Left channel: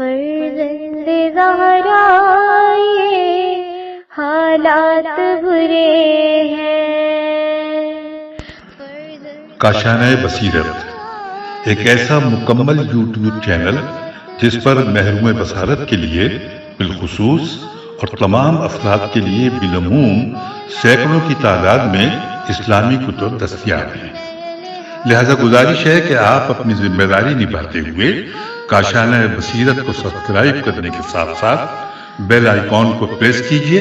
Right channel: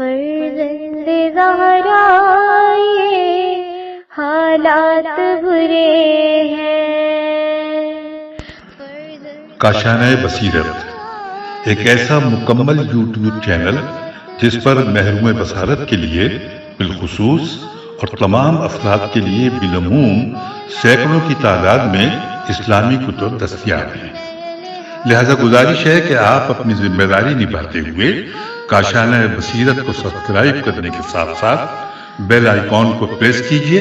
فرزند زہرا یہ حالات برے ہیں۔ کاشانۂ بصیرت ایک ایسا مکمل یوٹیوب چینل جس پر محروم بصارت کے لیے بالخصوص اور تمام افراد کے لیے بالعموم سینکڑوں کی تعداد میں اسلامی کتب دستیاب ہیں۔ لہذا گزارش ہے کہ آپ اپنی ذمہ داری نبھاتے ہوئے کاشانۂ بصیرت کو سبسکرائب کرنے کے ساتھ ساتھ بیل آئیکن کو پریس کیجیے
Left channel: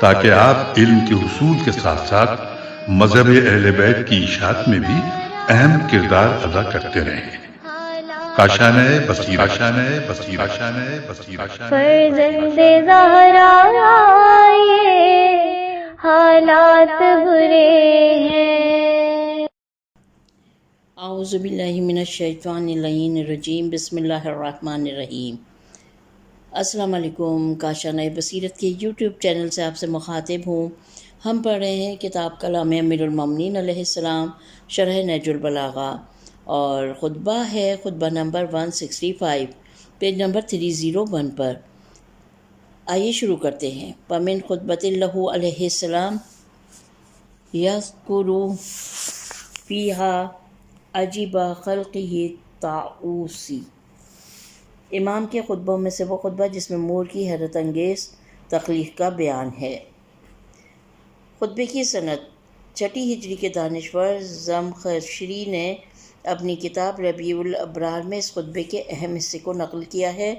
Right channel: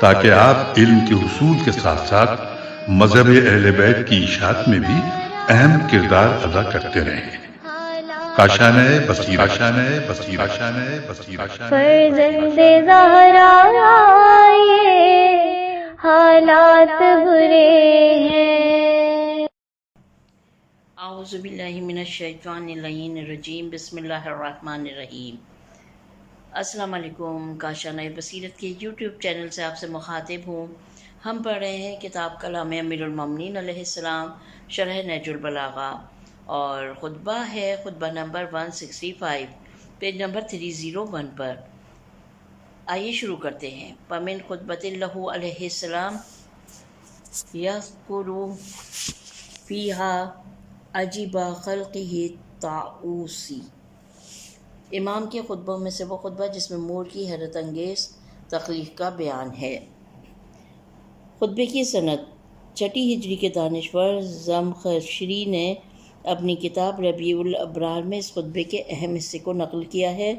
تاکہ آپ علم کے حصول کے ساتھ ساتھ مذہب اہل بیت کی اشاعت میں بھی اہم کردار ادا کرتے رہیں۔ کاشانۂ بصیرت، کاشانۂ بصیرت، کاشانۂ بصیرت۔ فرزند زہرا یہ حالات برے ہیں۔ اعوذ باللہ من الشیطان اللعین الرجیم، بسم اللہ الرحمن الرحیم۔ السلام علیکم، کاشانۂ بصیرت کے یوٹیوب چینل سے آپ سے مخاطب ہوں۔ ہم پڑھ رہے ہیں کتاب کلام امیر المومنین علیہ السلام، شرح نہج البلاغہ، اور خطبہ ہے خطبہ نمبر 165، پیج نمبر 301 پر۔ آئیے شروع کرتے ہیں۔ وَمِن خطبۃ لہ علیہ السلام یذکر فیہا عجیب خلقہ طاؤسی۔ امام کے خطبوں میں سے وہ خطبہ جس میں مور کی حیرت انگیز تخلیق کا بیان ہے۔ خطبے کی سند 6 ہجری کے دانشور زمخشری نے اپنی کتاب ربیع الابرار میں اس خطبے کے اہم حصے کو نقل کیا ہے۔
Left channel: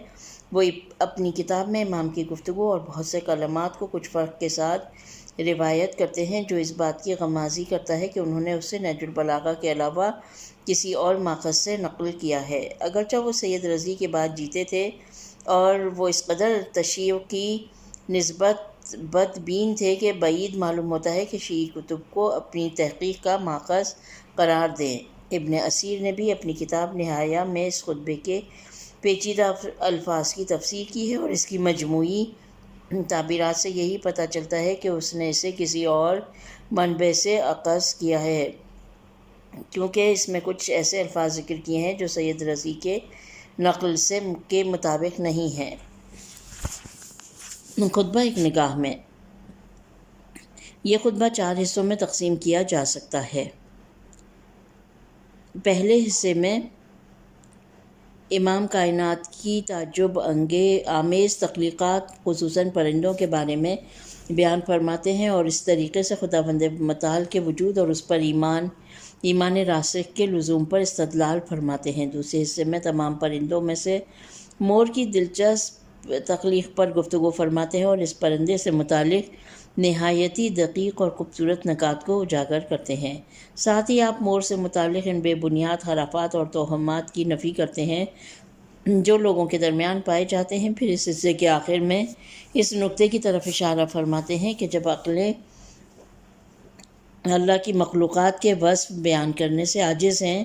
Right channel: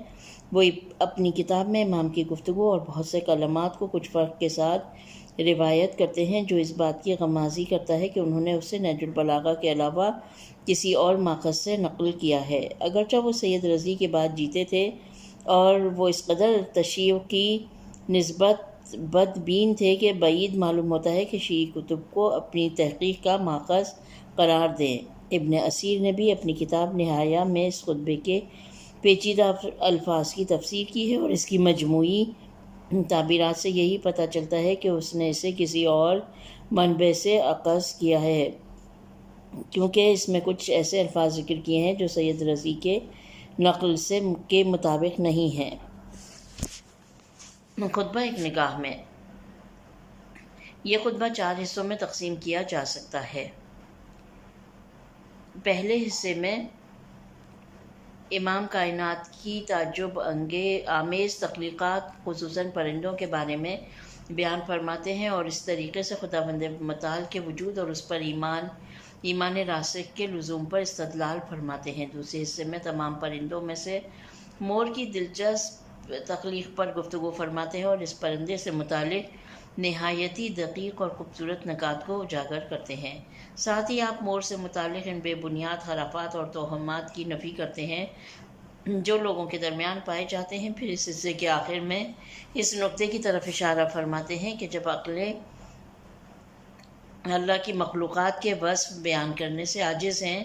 وہ اپنی کتاب میں امام کی گفتگو اور بہت سے کلمات کو کچھ فرق کے ساتھ روایت کرتے ہیں، جو اس بات کی غمازی کرتا ہے کہ انہوں نے اسے نہج البلاغہ کے علاوہ کسی اور ماخذ سے نقل کیا ہے۔ اگرچہ وہ سید رضی کے بعد جیتے تھے اور وہ اس قدر تشیع کی نسبت بدبین تھے کہ بعید معلوم ہوتا ہے کہ شیعی کتب کو اپنی تحقیق کا ماخذ قرار دیں۔ ابن اسیر نے بھی اپنی کتاب نہایہ میں اس خطبے کے پیچیدہ الفاظ کی تفسیر کی ہے، اور اس کی مجموعی تعبیرات سے یہی پتہ چلتا ہے کہ اس نے اسے کسی اور منبع سے اخذ کیا ہے، کیونکہ اس میں کچھ ایسے الفاظ ذکر کیے ہیں جو سید رضی کے نقل کے مطابق نہیں ہیں۔ خطبہ ایک نگاہ میں۔ یہ خطبہ 4 حصوں میں تقسیم کیا جا سکتا ہے۔ پہلے حصے میں امام کائنات کی تعجب آمیز تخلیقات خصوصاً پرندوں کے بارے میں بیان فرماتے ہیں، اور اس طریقے سے خداوند متعال کے وجود اور اس پر ایمان راسخ کے لزوم پر استدلال فرماتے ہیں۔ دوسرے حصے میں تمام پرندوں میں سے مور کی دلچسپ تخلیق پر گفتگو فرماتے ہیں، اور اس پرندے سے متعلق نہایتی دقیق اور خوبصورت نکات کو اجاگر کرتے ہیں۔ ساتھ ہی آپ مور سے متعلق ان بے بنیاد خرافات اور توہمات کی نفی کرتے ہیں جو لوگوں کے درمیان پائے جاتے ہیں۔ پھر اس حصے کے آخر میں اس نقطے کی طرف اشارہ فرماتے ہیں کہ جب عقلیں اللہ کی مخلوقات کے وصف بیان کرنے سے عاجز ہیں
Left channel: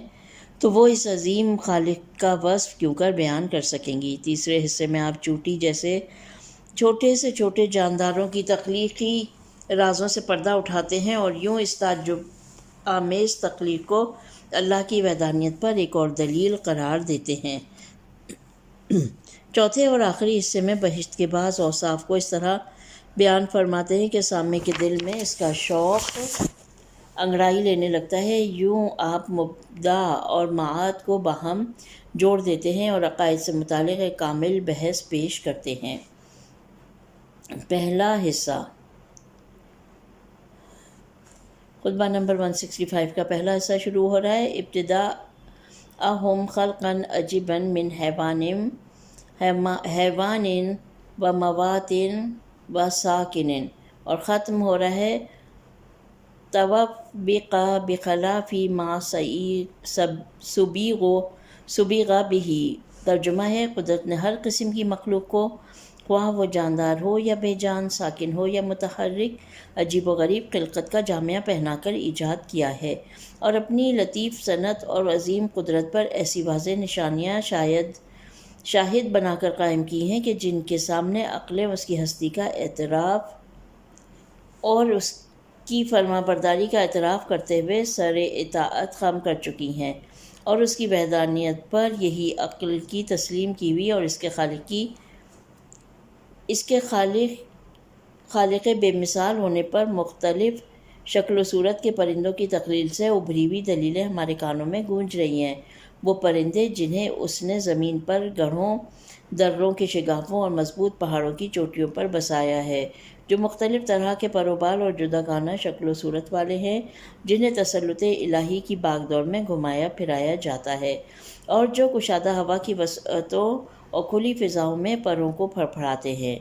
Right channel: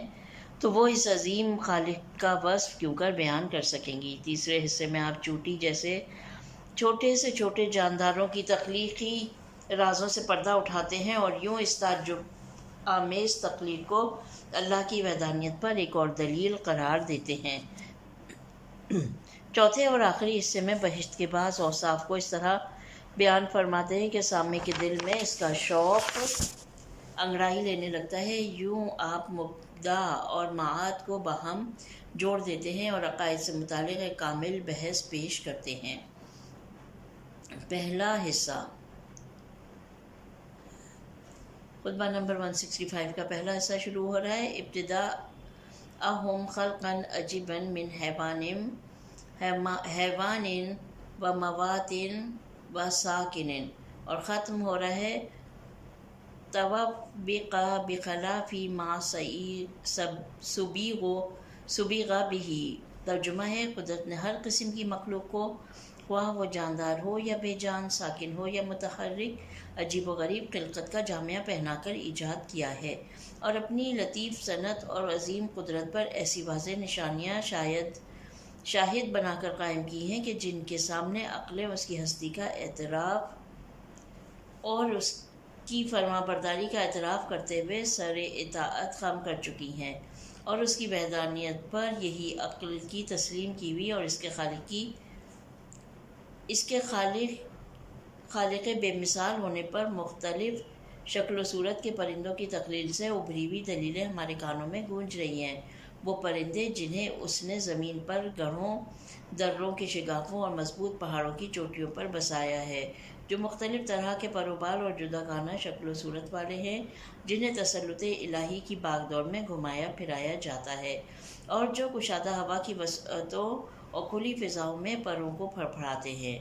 تو وہ اس عظیم خالق کا وصف کیوں کر بیان کر سکیں گی۔ تیسرے حصے میں آپ چونٹی جیسے چھوٹے سے چھوٹے جانداروں کی تخلیقی رازوں سے پردہ اٹھاتے ہیں، اور یوں اس تعجب آمیز تخلیق کو اللہ کی وحدانیت پر ایک اور دلیل قرار دیتے ہیں۔ چوتھے اور آخری حصے میں بہشت کے بعض اوصاف کو اس طرح بیان فرماتے ہیں کہ سامع کے دل میں اس کا شوق انگڑائی لینے لگتا ہے۔ یوں آپ مبدا اور معاد کو باہم جوڑ دیتے ہیں اور عقائد سے متعلق ایک کامل بحث پیش کرتے ہیں۔ پہلا حصہ خطبہ نمبر 165 کا پہلا حصہ شروع ہو رہا ہے۔ ابتداءہم خلقا عجیبا من حیوان و موات و ساکن، اور ختم ہو رہا ہے توبق بخلاف ما سبیغ بہ۔ ترجمہ ہے، قدرت نے ہر قسم کی مخلوق کو، خواہ وہ جاندار ہو یا بے جان، ساکن ہو یا متحرک، عجیب و غریب خلقت کا جامعہ پہنا کر ایجاد کیا ہے، اور اپنی لطیف صنعت اور عظیم قدرت پر ایسی واضح نشانیاں شاہد بنا کر قائم کی ہیں کہ جن کے سامنے عقلیں اس کی ہستی کا اعتراف اور اس کی فرما برداری کا اعتراف کرتے ہوئے سر اطاعت خم کر چکی ہیں، اور اس کی وحدانیت پر یہی عقل کی تسلیم کی ہوئی اور اس کے خالق بے مثال ہونے پر مختلف شکل و صورت کے پرندوں کی تقلیل سے ابھری ہوئی دلیلیں ہمارے کانوں میں گونج رہی ہیں۔ وہ پرندے جنہیں اس نے زمین پر گڑھوں، دروں کے شگافوں اور مضبوط پہاڑوں کی چوٹیوں پر بسایا ہے، جو مختلف طرح کے پر و بال اور جداگانہ شکل و صورت والے ہیں، جنہیں تسلط الہی کی باغ دوڑ میں گھمایا پھرایا جاتا ہے، اور جو کشادہ ہوا کی وسعتوں اور کھلی فضاؤں میں پروں کو پھڑپھڑاتے ہیں۔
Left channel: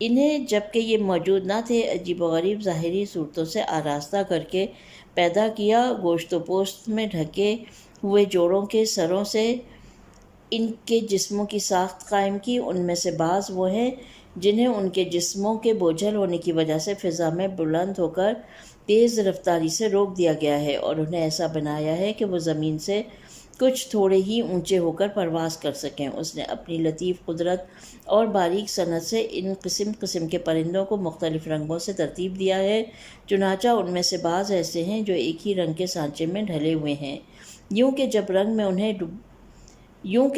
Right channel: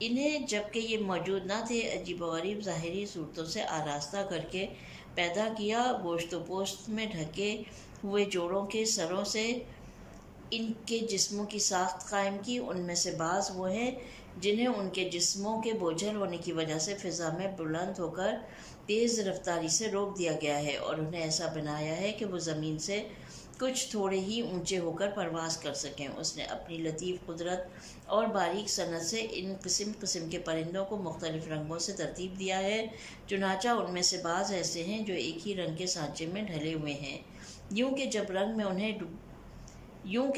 انہیں جبکہ یہ موجود نہ تھے، عجیب و غریب ظاہری صورتوں سے آراستہ کر کے پیدا کیا، گوشت و پوست میں ڈھکے ہوئے جوڑوں کے سروں سے ان کے جسموں کی ساخت قائم کی۔ ان میں سے بعض وہ ہیں جنہیں ان کے جسموں کے بوجھل ہونے کی وجہ سے فضا میں بلند ہو کر تیز رفتاری سے روک دیا گیا ہے، اور انہیں ایسا بنایا ہے کہ وہ زمین سے کچھ تھوڑے ہی اونچے ہو کر پرواز کر سکیں۔ اس نے اپنی لطیف قدرت اور باریک صنعت سے ان قسم قسم کے پرندوں کو مختلف رنگوں سے ترتیب دیا ہے، چنانچہ ان میں سے بعض ایسے ہیں جو ایک ہی رنگ کے سانچے میں ڈھلے ہوئے ہیں، یوں کہ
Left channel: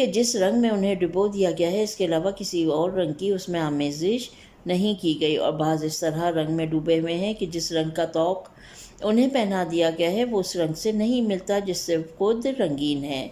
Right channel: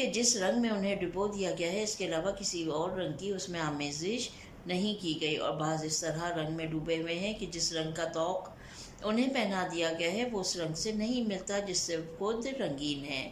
جس رنگ میں انہیں ڈبو دیا گیا ہے اس کے علاوہ کسی اور رنگ کی اس میں آمیزش نہیں کی گئی، اور بعض اس طرح رنگ میں ڈوبے ہوئے ہیں کہ جس رنگ کا طوق انہیں پہنا دیا گیا ہے وہ اس رنگ سے نہیں ملتا جس سے خود رنگین ہے۔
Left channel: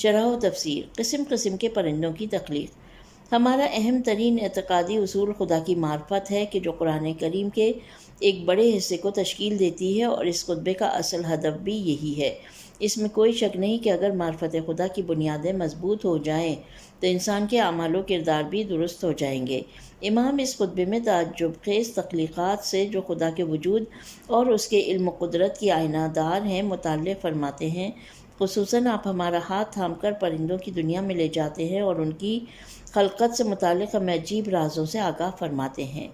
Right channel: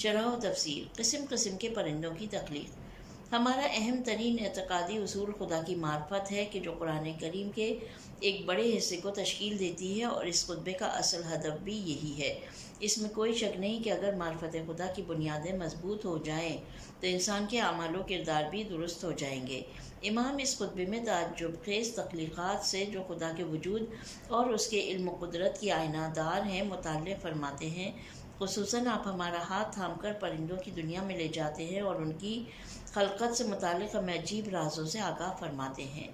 شرح و تفسیر۔ قسم قسم کے پرندوں کی تخلیق۔ ہمارا اہم ترین اعتقادی اصول خدا کی معرفت ہے کہ جو قرآن کریم کے ایک بڑے حصے کو تشکیل دیتی ہے، اور اس خطبے کا اصل ہدف بھی یہی ہے۔ اس میں کوئی شک نہیں کہ اگر معرفت خدا کی بنیادیں مضبوط ہو جائیں تو انسان کے اعمال و کردار بھی درست ہو جائیں گے۔ امام اس خطبے میں تعجب خیز تخلیقات سے جو خدا کے وجود اور اس کے علم و قدرت کی آئینہ دار ہیں مطالعہ فرماتے ہیں۔ خصوصاً آپ ہمارا ہاتھ تھام کر پرندوں کی دنیا میں لے جاتے ہیں اور ان کی خلقت سے متعلق ہمیں عجیب رازوں سے آگاہ فرماتے ہیں۔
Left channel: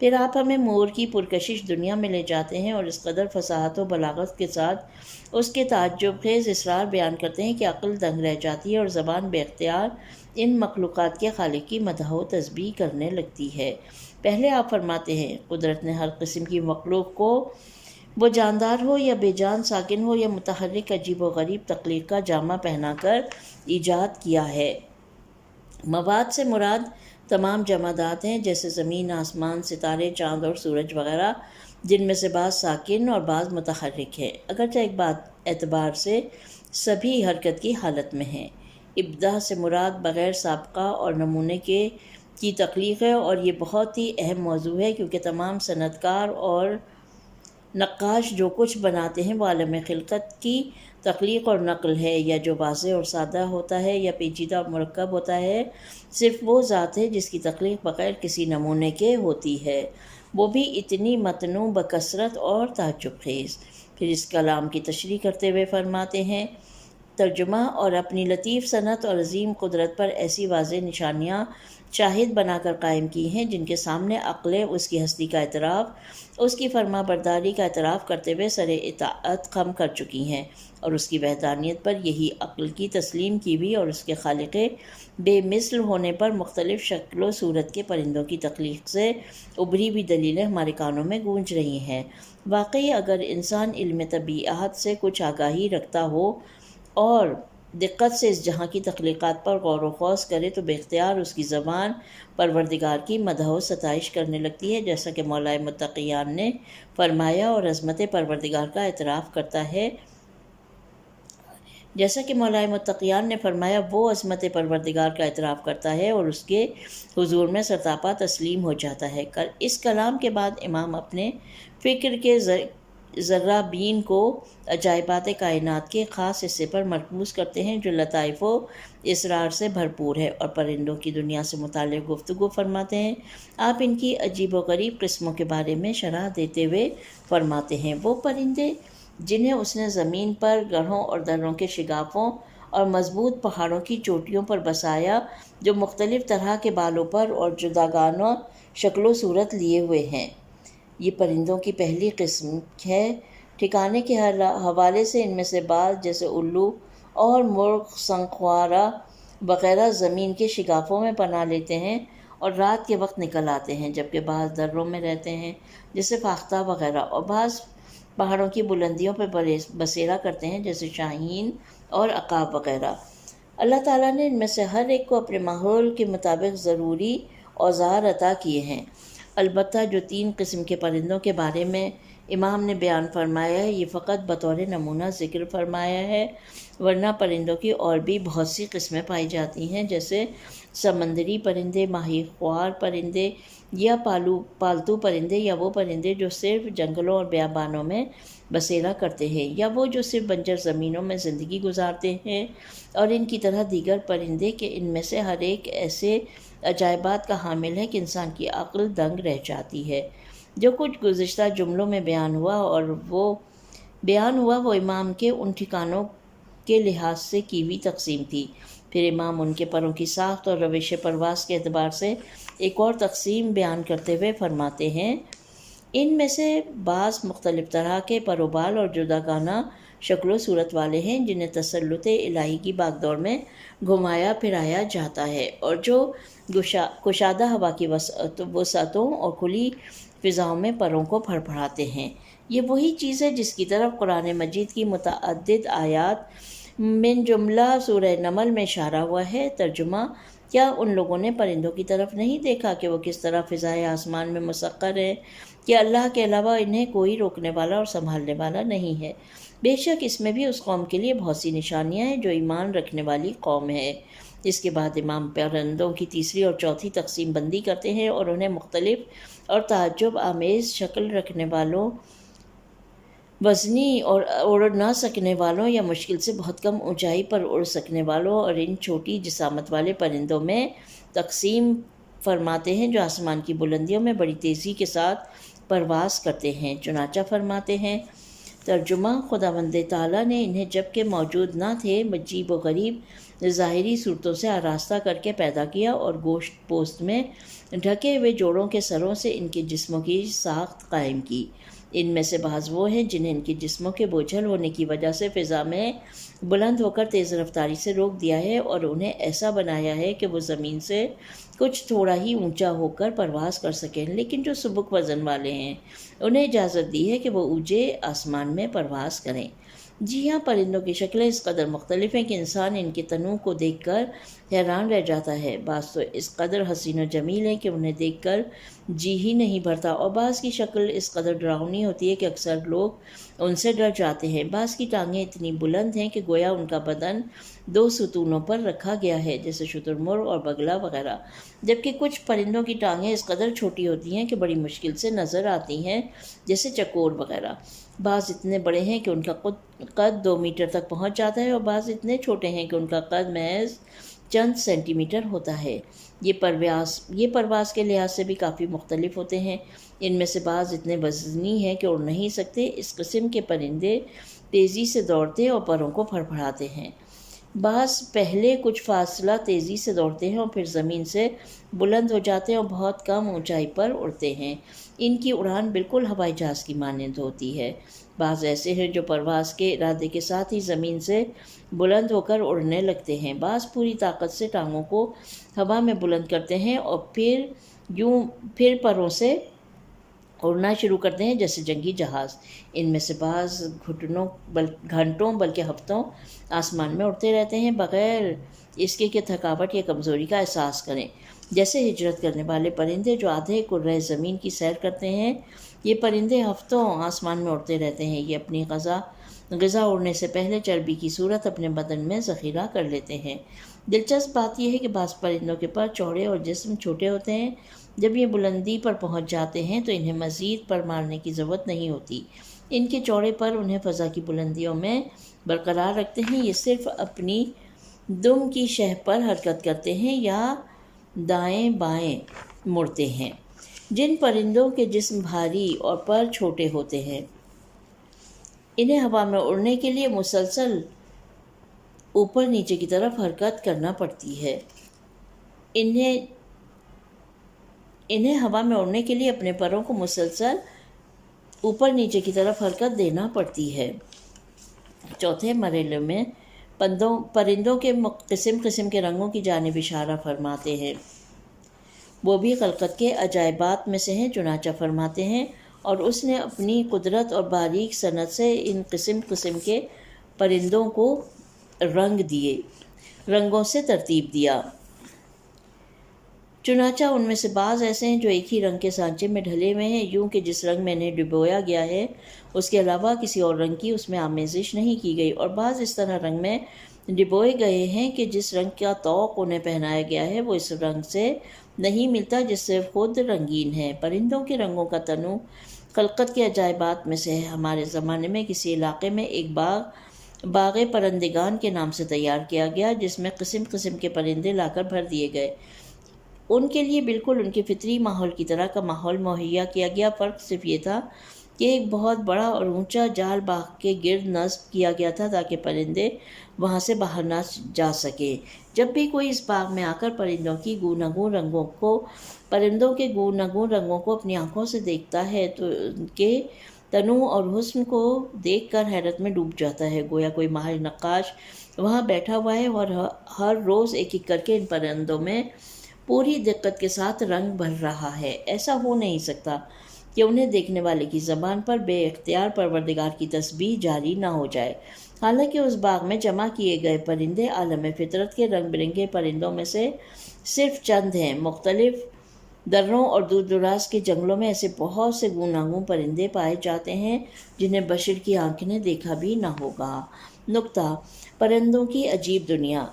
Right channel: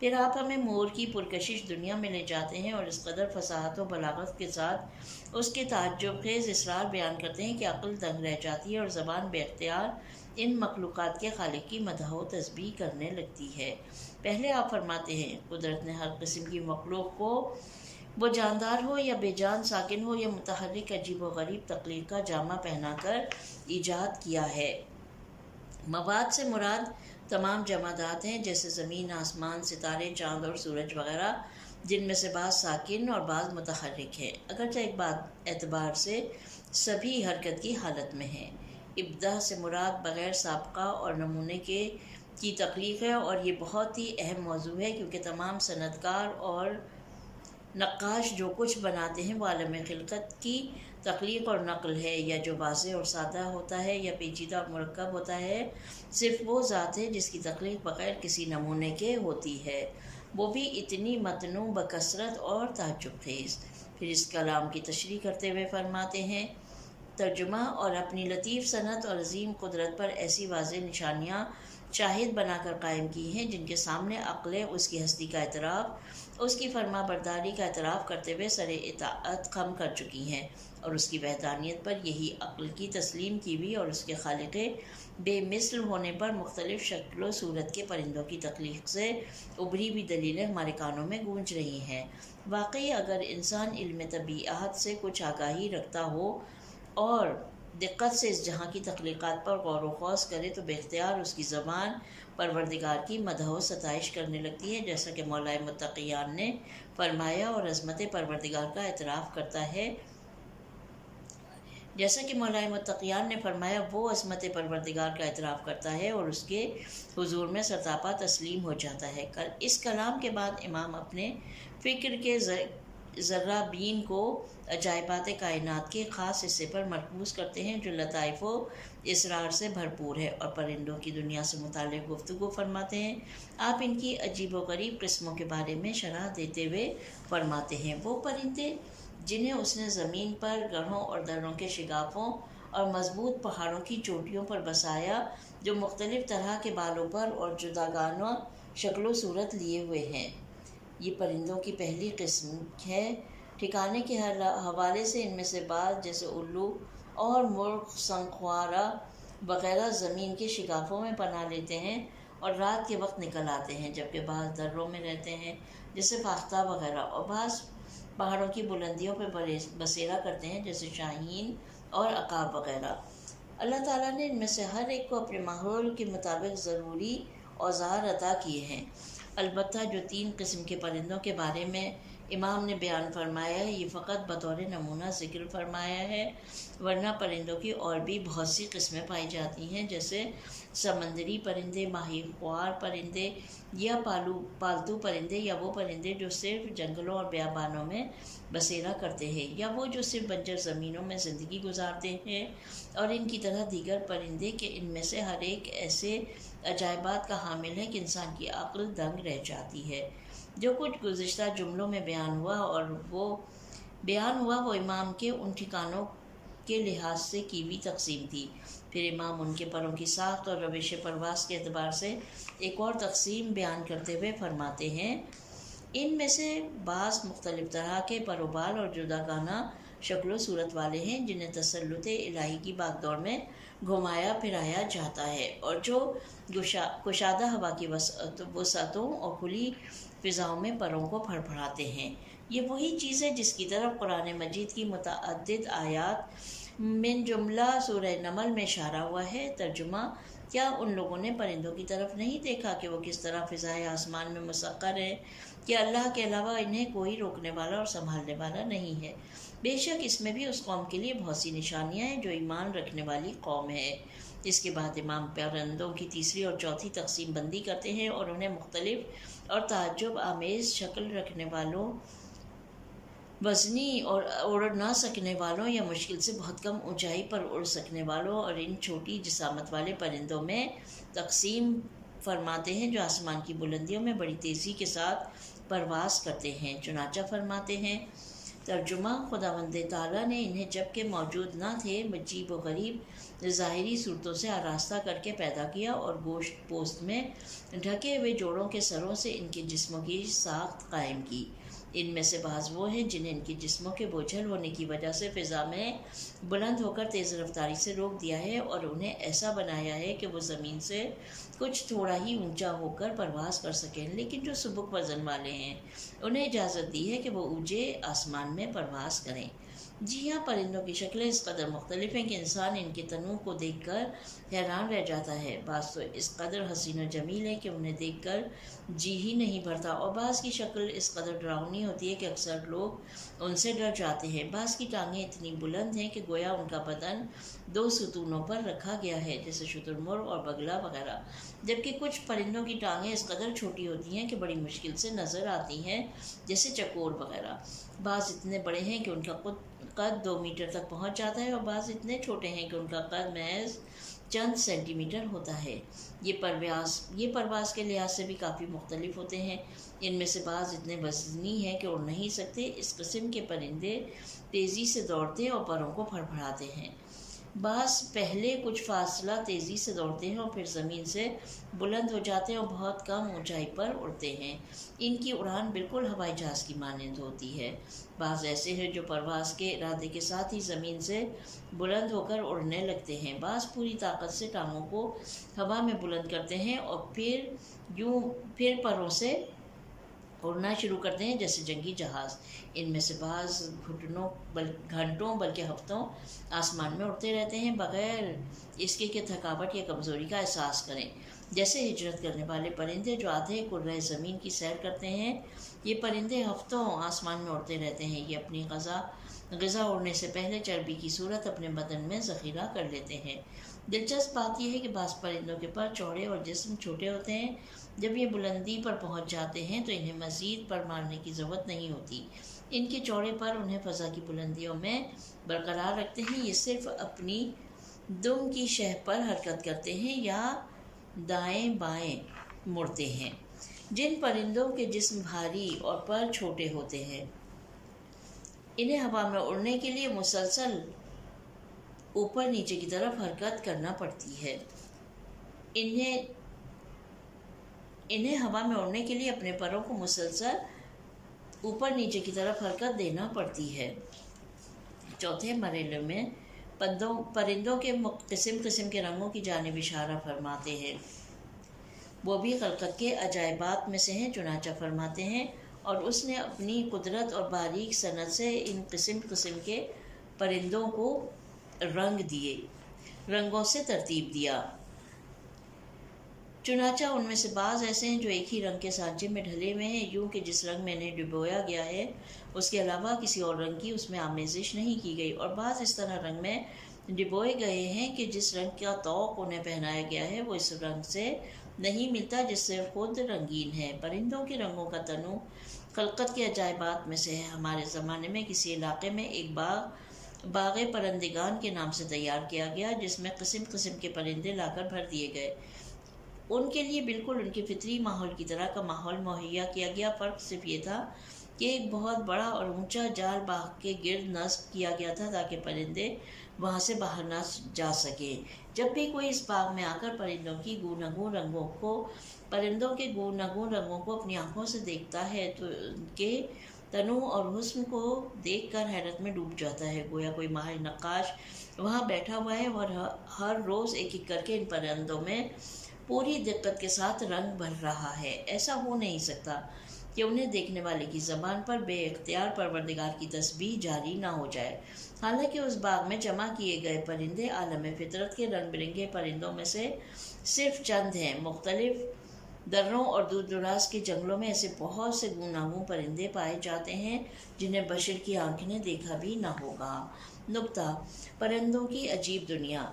پھر آپ ہمیں مور کی پرکشش دنیا میں لے جاتے ہیں اور اس قدر فصاحت و بلاغت کے ساتھ اس کے تعجب خیز اسرار بیان کرتے ہیں کہ عقل دنگ رہ جاتی ہے اور زبان بے اختیار ان مخلوقات کے خالق کی مدح و تسبیح کرنے لگتی ہے۔ پہلے آپ فرماتے ہیں قدرت نے ہر قسم کی مخلوق کو، وہ جاندار ہو یا بے جان ساکن ہو یا متحرک، عجیب و غریب تخلیق کا جامہ پہنا کر ایجاد کیا ہے۔ مواد سے مراد تمام جمادات ہیں، جیسے زمین، آسمان، ستارے، چاند اور سورج وغیرہ، جن میں سے بعض ساکن اور بعض متحرک ہیں، اگرچہ ایک بات اعتبار سے سبھی حرکت کی حالت میں ہیں۔ ابداع سے مراد بغیر سابقہ اور نمونے کی تخلیق ہے، اور یہ بہت ہی اہم موضوع ہے کیونکہ تمام صنعت کار اور نقاش جو کچھ بناتے ہیں وہ عالم خلقت کی تخلیق اور نقل ہے، یا جو واضح اور سادہ ہوتا ہے یا پیچیدہ اور مرکب ہوتا ہے، صرف وہ ذات ہے جس کی تخلیق بغیر کسی نمونے کے ہوتی ہے، وہ بھی اتنی متنوع بکثرت اور تعجب خیز۔ پھر اس کلام کی تشریح کرتے ہوئے فرماتے ہیں ترجمہ، اور اپنی لطیف صنعت اور عظیم قدرت پر ایسی واضح نشانیاں شاہد بنا کر قائم کی ہیں جن کے سامنے عقلیں اس کی ہستی کا اعتراف، اس کی فرما برداری کا اعتراف کرتے ہوئے سر اطاعت خم کر چکی ہیں، اور اس کی وحدانیت پر یہی عقل کی تسلیم کی ہوئی اور اس کے خالق بے مثل ہونے پر مختلف شکل و صورت کے پرندوں کی تخلیق سے ابھری ہوئی دلیلیں ہمارے کانوں میں گونج رہی ہیں۔ واقعی اگر انسان علم طبیعت سے کچھ آگاہی رکھتا ہو اور دقت سے اس جہاں کی تخلیقات پر غور و خوض کرے تو بے اختیار اس کی زبان پروردگار کی مدح و ستائش کرنے لگتی ہے، جیسا کہ مولا متقیان نے فرمایا، اور عظمت پروردگار کا اعتراف کرتا ہے، جیسا کہ مولا متقیان نے فرمایا وہ عظمت پروردگار کا اعتراف کرتا ہے اور اس کے حضور میں سرتاپا تسلیم ہو جاتا ہے۔ اس کلام کے بعد امام اپنے فکر کے ذرہ بین کو عجائبات کائنات کے خاص حصے پر مرکوز کرتے ہیں جو لطائف و اسرار سے بھرپور ہے، اور پرندوں کی دنیا سے متعلق گفتگو فرماتے ہیں۔ آپ ان کی عجیب و غریب قسموں کے بارے میں شرح دیتے ہوئے فرماتے ہیں وہ پرندے جنہیں اس نے زمین پر گڑھوں اور دروں کے شگافوں اور مضبوط پہاڑوں کی چوٹیوں پر بسایا، جو مختلف طرح کے بالوں پر اور جداگانہ شکل و صورت لیے ہوئے ہیں، یہ پرندوں کی پہلی قسم ہے۔ ٹھکانے کے حوالے سے ان میں سے بعض جیسے الو اور مرغ سنخوارہ وغیرہ زمین کے شگافوں میں پناہ لیتے ہیں اور رات کے وقت نکل آتے ہیں، جبکہ بعض دروں میں رہتے ہیں جیسے فاختہ وغیرہ، اور بعض پہاڑوں کی بلندیوں پر بسیرا کرتے ہیں جیسے شاہین اور عقاب وغیرہ۔ اللہ تعالیٰ نے ان میں سے ہر ایک کو اپنے ماحول کے مطابق ضروری اوزار عطا کیے ہیں۔ البتہ جو 3 قسم کے پرندوں کے بارے میں امام نے بیان فرمایا ہے، یہ فقط بطور نمونہ ذکر فرمایا ہے، ورنہ پرندوں کی اور بھی بہت سی قسمیں پائی جاتی ہیں، جیسے سمندری پرندے، ماہی خوار پرندے یا پالتو پرندے، یا وہ پرندے جو صرف جنگلوں اور بیابانوں میں بسیرا کرتے ہیں، یا وہ جو صرف بنجر زمینوں میں زندگی گزارتے ہیں، اور ان کی طرح دیگر پرندے کہ ان میں سے ہر ایک ایسے عجائبات کا حامل ہے کہ انسان کی عقل دنگ رہ جاتی ہے۔ جو کچھ گزشتہ جملوں میں بیان ہوا وہ امام کے ان ٹھکانوں کے لحاظ سے کی ہوئی تقسیم تھی۔ پھر امام ان کے پروں کی ساخت اور روش پرواز کے اعتبار سے ایک اور تقسیم بیان کرتے ہوئے فرماتے ہیں، ان میں سے بعض مختلف طرح کے پر و بال اور جداگانہ شکل و صورت والے ہیں، جنہیں تسلط الہی کی باغ دور میں گھمایا پھرایا جاتا ہے، اور جو کشادہ ہوا کی وسعتوں اور کھلی فضاؤں میں پروں کو پھڑ پھڑاتے ہیں۔ یہ وہی چیز ہے جس کی طرف قرآن مجید کی متعدد آیات من جملہ سورہ نمل میں اشارہ ہوا ہے۔ ترجمہ: کیا ان لوگوں نے پرندوں کی طرف نہیں دیکھا کہ وہ کس طرح فضائے آسمان میں مسخر ہیں، کہ اللہ کے علاوہ انہیں کوئی روکنے والا اور سنبھالنے والا نہیں ہے؟ بے شک اس میں بھی اس قوم کے لیے بہت سی نشانیاں ہیں جو ایمان رکھنے والی قوم ہے۔ اس کے بعد امام پرندوں کی تیسری اور چوتھی تقسیم بندی کرتے ہیں اور انہیں مختلف اور تعجب آمیز شکل رکھنے والوں، وزنی اور اڑ نہ سکنے والوں یا مشکل سے بہت کم اونچائی پر اڑ سکنے والوں، اور ان چھوٹی جسامت والے پرندوں میں تقسیم فرماتے ہیں جو آسمان کی بلندیوں میں بڑی تیزی کے ساتھ پرواز کرتے ہیں۔ چنانچہ فرماتے ہیں، ترجمہ: خداوند تعالیٰ نے انہیں جب کہ موجود نہ تھے عجیب و غریب ظاہری صورتوں سے آراستہ کر کے پیدا کیا، اور گوشت پوست میں ڈھکے ہوئے جوڑوں کے سروں سے ان کے جسموں کی ساخت قائم کی۔ ان میں سے بعض وہ ہیں جنہیں ان کے جسموں کے بوجھل ہونے کی وجہ سے فضا میں بلند ہو کر تیز رفتاری سے روک دیا ہے، اور انہیں ایسا بنایا ہے کہ وہ زمین سے کچھ تھوڑا ہی اونچا ہو کر پرواز کر سکیں، لیکن جو سبک وزن والے ہیں انہیں اجازت دی ہے کہ وہ اونچے آسمان میں پرواز کریں۔ جی ہاں، پرندوں کی شکلیں اس قدر مختلف ہیں کہ انسان ان کے تنوع کو دیکھ کر حیران رہ جاتا ہے۔ بعض تو اس قدر حسین و جمیل ہیں کہ انہیں دیکھ کر جی ہی نہیں بھرتا، اور بعض کی شکل اس قدر ڈراؤنی ہوتی ہے کہ اکثر لوگ ان سے ڈر جاتے ہیں۔ بعض کی ٹانگیں اتنی بلند ہیں کہ گویا ان کا بدن 2 ستونوں پر رکھا گیا ہے، جیسے شتر مرغ اور بگلا وغیرہ، جبکہ کچھ پرندوں کی ٹانگیں اس قدر چھوٹی ہوتی ہیں کہ بڑی مشکل سے نظر آتی ہیں، جیسے چکور وغیرہ۔ بعض اتنے بڑے ہیں کہ ان کا قد 2 میٹر تک پہنچ جاتا ہے، اور بعض اتنے چھوٹے ہیں کہ ان کا قد محض چند سینٹی میٹر ہوتا ہے۔ یہ پرواز کے لحاظ سے بھی کافی مختلف ہوتے ہیں۔ ان میں سے بعض اتنے وزنی ہیں کہ اڑ نہیں سکتے۔ اس قسم کے پرندے تیزی سے دوڑتے اور پروں کو پھڑ پھڑاتے ہیں۔ بعض پہلے کچھ فاصلہ تیزی سے دوڑتے ہیں اور پھر زمین سے بلند ہو جاتے ہیں اور بہت کم اونچائی پر اڑتے ہیں۔ ان کی اڑان بالکل ہوائی جہاز کی مانند ہوتی ہے۔ بعض ایسے ہیں جو پرواز کے ارادے کے ساتھ ہی زمین سے بلند ہو کر اڑنے لگتے ہیں۔ بعض پوری طاقت سے ٹانگوں کو ہوا میں بلند کرتے ہیں اور پھر پروں سے اڑنا شروع کرتے ہیں جیسے جنگی جہاز۔ ان میں سے بعض گھنٹوں بلکہ ہفتوں آسمان میں اڑتے رہتے ہیں بغیر اس کے کہ تھکاوٹ یا کمزوری کا احساس کریں۔ جیسے ہجرت کرنے والے پرندے جو آدھے کرۂ زمین کی سیر کرتے ہیں، یہ پرندے ہفتوں آسمان میں اڑتے رہتے ہیں۔ یہ اپنی غذا اڑنے سے پہلے چربی کی صورت اپنے بدن میں ذخیرہ کر لیتے ہیں۔ دلچسپ بات یہ ہے کہ بعض پرندوں کے پر چوڑے اور جسم چھوٹے ہوتے ہیں۔ جب یہ بلندی پر پہنچ جاتے ہیں تو انہیں مزید پر مارنے کی ضرورت نہیں ہوتی۔ ان کے چوڑے پر انہیں فضا کی بلندیوں میں برقرار رکھتے ہیں۔ یہ صرف اپنی دم کی شہ پر حرکت کرتے ہیں یا دائیں بائیں مڑتے ہیں۔ جن پرندوں کے جسم بھاری اور پر چھوٹے ہوتے ہیں، انہیں ہوا میں اڑنے کے لیے مسلسل اوپر نیچے کی طرف حرکت کرنا پڑتی ہے۔ انہیں ہوا میں اڑنے کے لیے اپنے پروں کو مسلسل اوپر نیچے کی طرف حرکت دینا پڑتی ہے۔ چوتھے مرحلے میں پرندوں کے قسم قسم کے رنگوں کی جانب اشارہ فرماتے ہیں۔ وہ بھی خلقت کے عجائبات میں سے ہیں۔ چنانچہ فرماتے ہیں، اور اس نے اپنی قدرت اور باریک صنعت سے ان قسم قسم کے پرندوں کو رنگ دیے، رنگوں سے ترتیب دیا۔ چنانچہ ان میں سے بعض ایسے ہیں جو ایک ہی رنگ کے سانچے میں ڈھلے ہوئے ہیں، یوں کہ جس رنگ میں انہیں ڈبویا گیا ہے اس کے علاوہ کسی اور رنگ کی اس میں آمیزش نہیں کی گئی، اور بعض اس طرح رنگ میں ڈبوئے گئے ہیں کہ جس رنگ کا طوق انہیں پہنایا گیا ہے وہ اس رنگ سے نہیں ملتا جس سے خود رنگین ہے۔ پرندوں کے رنگوں کا تنوع خلقت کے عجائبات میں سے ہے۔ ہمارے زمانے میں کسی علاقے میں ایک باغ پرندگان کے نام سے تیار کیا گیا، جس میں قسم قسم کے پرندے لا کر بھر دیے گئے۔ ان کے لیے بالکل ان کے فطری ماحول کی طرح کا ماحول مہیا کیا گیا، فرق صرف یہ تھا کہ ایک بہت بڑا اور اونچا جال باغ کے گرد نصب کیا گیا تھا تاکہ پرندے وہاں سے باہر نہ جا سکے۔ جب بھی کوئی اس باغ میں آ کر پرندوں کے گوناگون رنگوں کو اپنی آنکھوں سے دیکھتا ہے تو ان کے تنوع اور حسن کو دیکھ کر حیرت میں ڈوب جاتا ہے، گویا کوئی ماہر نقاش وہاں بیٹھا ہوا ہے اور ہر روز ایک ایک کر کے ان پرندوں میں پوری دقت کے ساتھ رنگ بھر رہا ہے۔ ایسا ہو نہیں سکتا کہ انہیں دیکھنے والے کی زبان پر بے اختیار پروردگار کی تسبیح جاری نہ ہو جائے۔ حالانکہ اس باغ میں جمع کیے گئے پرندے عالم فطرت کے رنگ برنگے پرندوں میں سے صرف چند ہیں۔ مختلف دروں اور دور دراز کے جنگلوں میں ایسے بہت سے گوناگون پرندے پائے جاتے ہیں جنہیں بشر کی آنکھ نے دیکھا بھی نہ ہوگا۔ نکتہ: پرندوں کی عجیب دنیا۔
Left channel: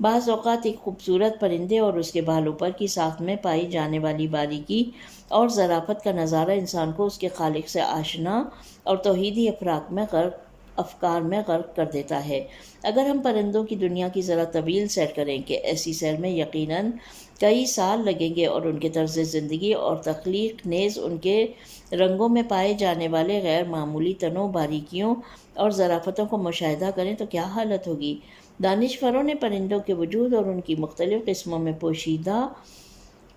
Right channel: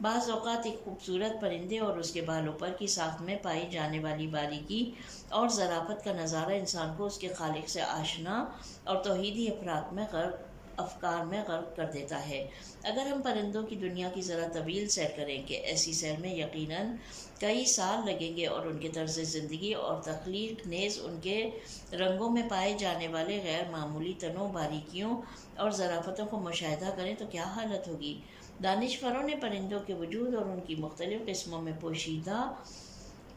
بعض اوقات ایک خوبصورت پرندے اور اس کے بالوں پر کی ساخت میں پائی جانے والی باریکی اور ظرافت کا نظارہ انسان کو اس کے خالق سے آشنا اور توحیدی افکار میں غرق کر دیتا ہے۔ اگر ہم پرندوں کی دنیا کی ذرا طویل سیر کریں کہ ایسی سیر میں یقیناً کئی سال لگیں گے، اور ان کے طرز زندگی اور تخلیق نیز ان کے رنگوں میں پائے جانے والے غیر معمولی تنوع، باریکیوں اور ظرافتوں کو مشاہدہ کریں تو کیا حالت ہوگی۔ دانشوروں نے پرندوں کے وجود اور ان کی مختلف قسموں میں پوشیدہ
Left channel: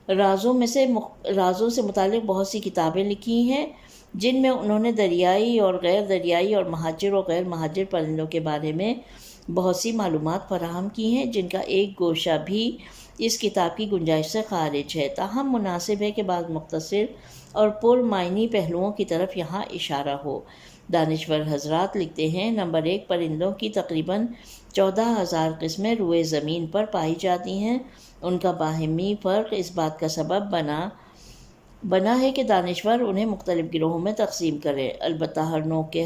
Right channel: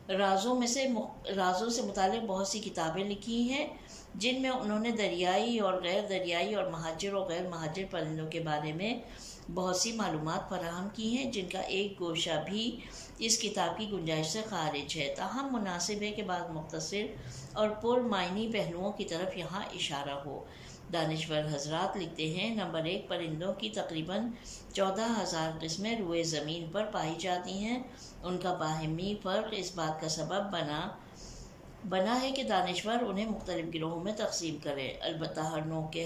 رازوں سے متعلق بہت سی کتابیں لکھی ہیں، جن میں انہوں نے دریائی اور غیر دریائی اور مہاجر اور غیر مہاجر پرندوں کے بارے میں بہت سی معلومات فراہم کی ہیں، جن کا ایک گوشہ بھی اس کتاب کی گنجائش سے خارج ہے۔ تاہم مناسب ہے کہ بعض مختصر اور پرمعنی پہلوؤں کی طرف یہاں اشارہ ہو۔ دانشور حضرات لکھتے ہیں: نمبر 1، پرندوں کی تقریباً 14,000 قسمیں روئے زمین پر پائی جاتی ہیں۔ ان کا باہمی فرق اس بات کا سبب بنا ہے کہ دانشور انہیں مختلف گروہوں میں تقسیم کریں۔ البتہ ہر نوع کے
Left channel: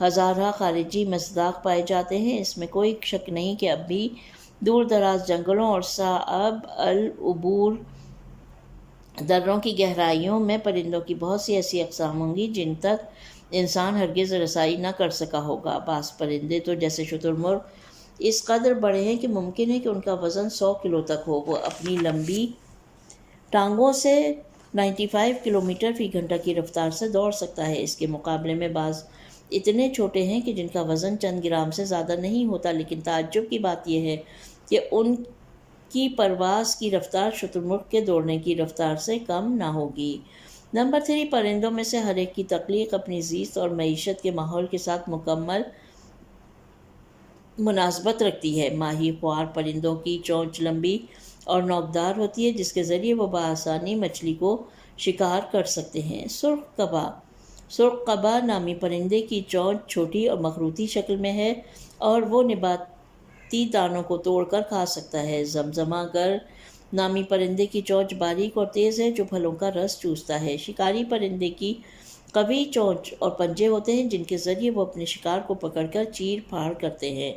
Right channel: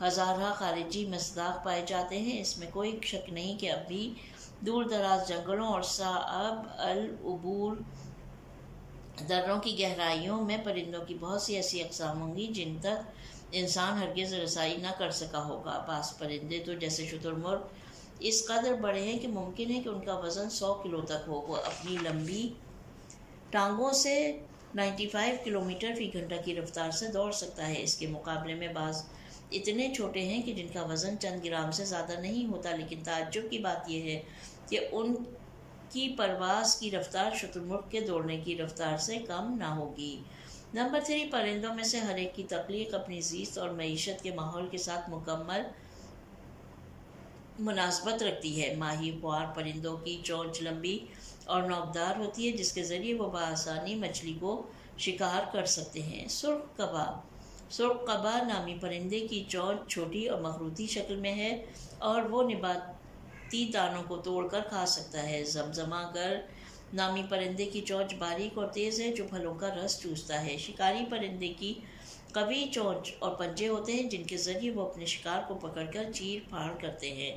ہزارہ خارجی مصداق پائے جاتے ہیں۔ اس میں کوئی شک نہیں کہ اب بھی دور دراز جنگلوں اور صعب العبور دروں کی گہرائیوں میں پرندوں کی بہت سی ایسی اقسام ہوں گی جن تک انسان ہرگز رسائی نہ کر سکا ہوگا۔ بعض پرندے تو جیسے شتر مرغ اس قدر بڑے ہیں کہ ممکن ہے کہ ان کا وزن 100 کلو تک ہو۔ وہ اپنی لمبی ٹانگوں سے 95 کلومیٹر فی گھنٹہ کی رفتار سے دوڑ سکتا ہے۔ اس کے مقابلے میں بعض اتنے چھوٹے ہیں کہ جن کا وزن چند گرام سے زیادہ نہیں ہوتا، لیکن تعجب کی بات یہ ہے کہ ان کی پرواز کی رفتار شتر مرغ کے دوڑنے کی رفتار سے کم نہ ہوگی۔ نمبر 3، پرندوں میں سے ہر ایک کی تخلیق اپنی زیست اور معیشت کے ماحول کے ساتھ مکمل مناسبت رکھتی ہے۔ ماہی خوار پرندوں کی چونچ لمبی اور نوکدار ہوتی ہے، جس کے ذریعے وہ بآسانی مچھلی کو شکار کر سکتے ہیں۔ سرخ قبا نامی پرندے کی چونچ چھوٹی اور مخروطی شکل میں ہے اور وہ نباتی دانوں کو توڑ کر کھا سکتا ہے۔ زمزمہ گر نامی پرندے کی چونچ باریک اور تیز ہے جو پھلوں کا رس چوستا ہے۔ شکاری پرندے کی قوی چونچ اور پنجے ہوتے ہیں جن کے ذریعے وہ اپنے شکار کو پکڑ کر چیر پھاڑ کرتے ہیں۔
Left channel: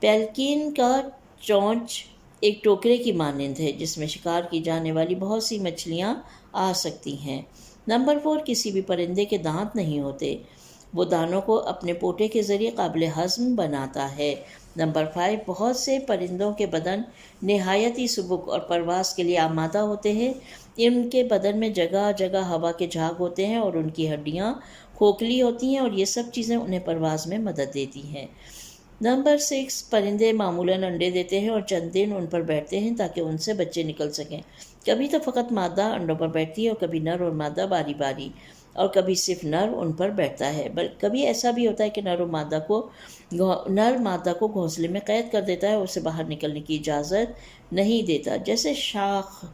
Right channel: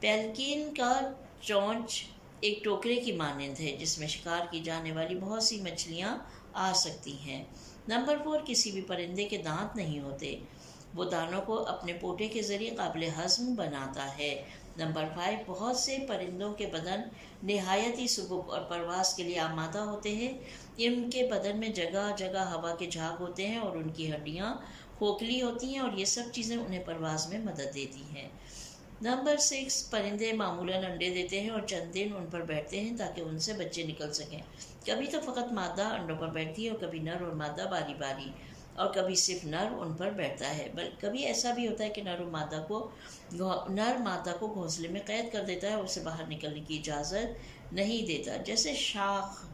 پیلکین کا چونچ ایک ٹوکرے کی مانند ہے جس میں شکار کی جانے والی بہت سی مچھلیاں آ سکتی ہیں۔ نمبر 4، کسی بھی پرندے کے دانت نہیں ہوتے، وہ دانوں کو اپنے پوٹے کے ذریعے قابل ہضم بناتا ہے۔ نمبر 5، بہت سے پرندوں کے بدن نہایت ہی سبک اور پرواز کے لیے آمادہ ہوتے ہیں۔ ان کے بدن میں جگہ جگہ ہوا کے جھاگ ہوتے ہیں اور ان کی ہڈیاں کھوکھلی ہوتی ہیں، اور یہ سب چیزیں انہیں پرواز میں مدد دیتی ہیں۔ نمبر 6، پرندے معمولاً انڈے دیتے ہیں اور چند دن ان پر بیٹھتے ہیں تاکہ ان سے بچے نکل سکیں۔ کبھی تو فقط مادہ انڈوں پر بیٹھتی ہے اور کبھی نر اور مادہ باری باری، اور کبھی صرف نر ان پر بیٹھتا ہے۔ بلکہ کبھی ایسا بھی ہوتا ہے کہ نر مادہ کو گھونسلے میں قید کر دیتا ہے اور اسے باہر نکلنے کی اجازت نہیں دیتا، جیسے شاخ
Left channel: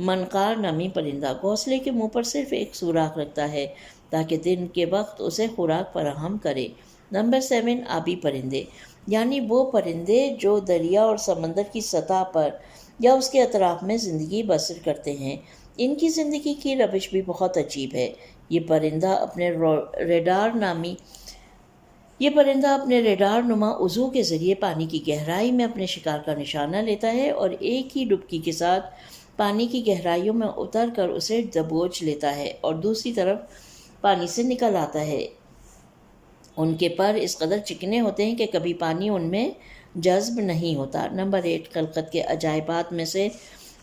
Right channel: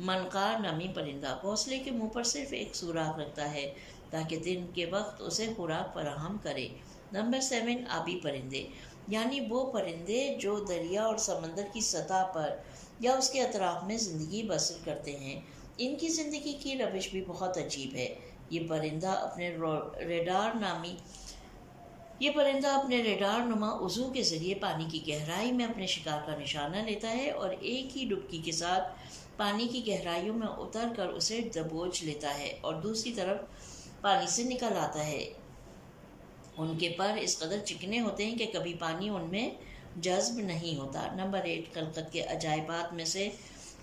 منقار نامی پرندہ گھونسلے کے منہ پر صرف ایک سوراخ رکھتا ہے تاکہ دن کے وقت اسے خوراک فراہم کرے۔ نمبر 7 آبی پرندے، یعنی وہ پرندے جو دریا اور سمندر کی سطح پر یا اس کے اطراف میں زندگی بسر کرتے ہیں۔ ان کی زندگی کی روش بھی بہت عجیب ہے۔ یہ پرندہ اپنے ریڈار نما عضو کے ذریعے پانی کی گہرائی میں اپنے شکار کا نشانہ لیتا ہے اور ایک ہی ڈبکی کے ساتھ پانی کی گہرائیوں میں اتر کر اسے دبوچ لیتا ہے اور دوسری طرف پانی سے نکل آتا ہے۔ ان کے پر اس قدر چکنے ہوتے ہیں کہ کبھی پانی ان میں جذب نہیں ہوتا۔ نمبر 8 خلقت کے عجائبات میں سے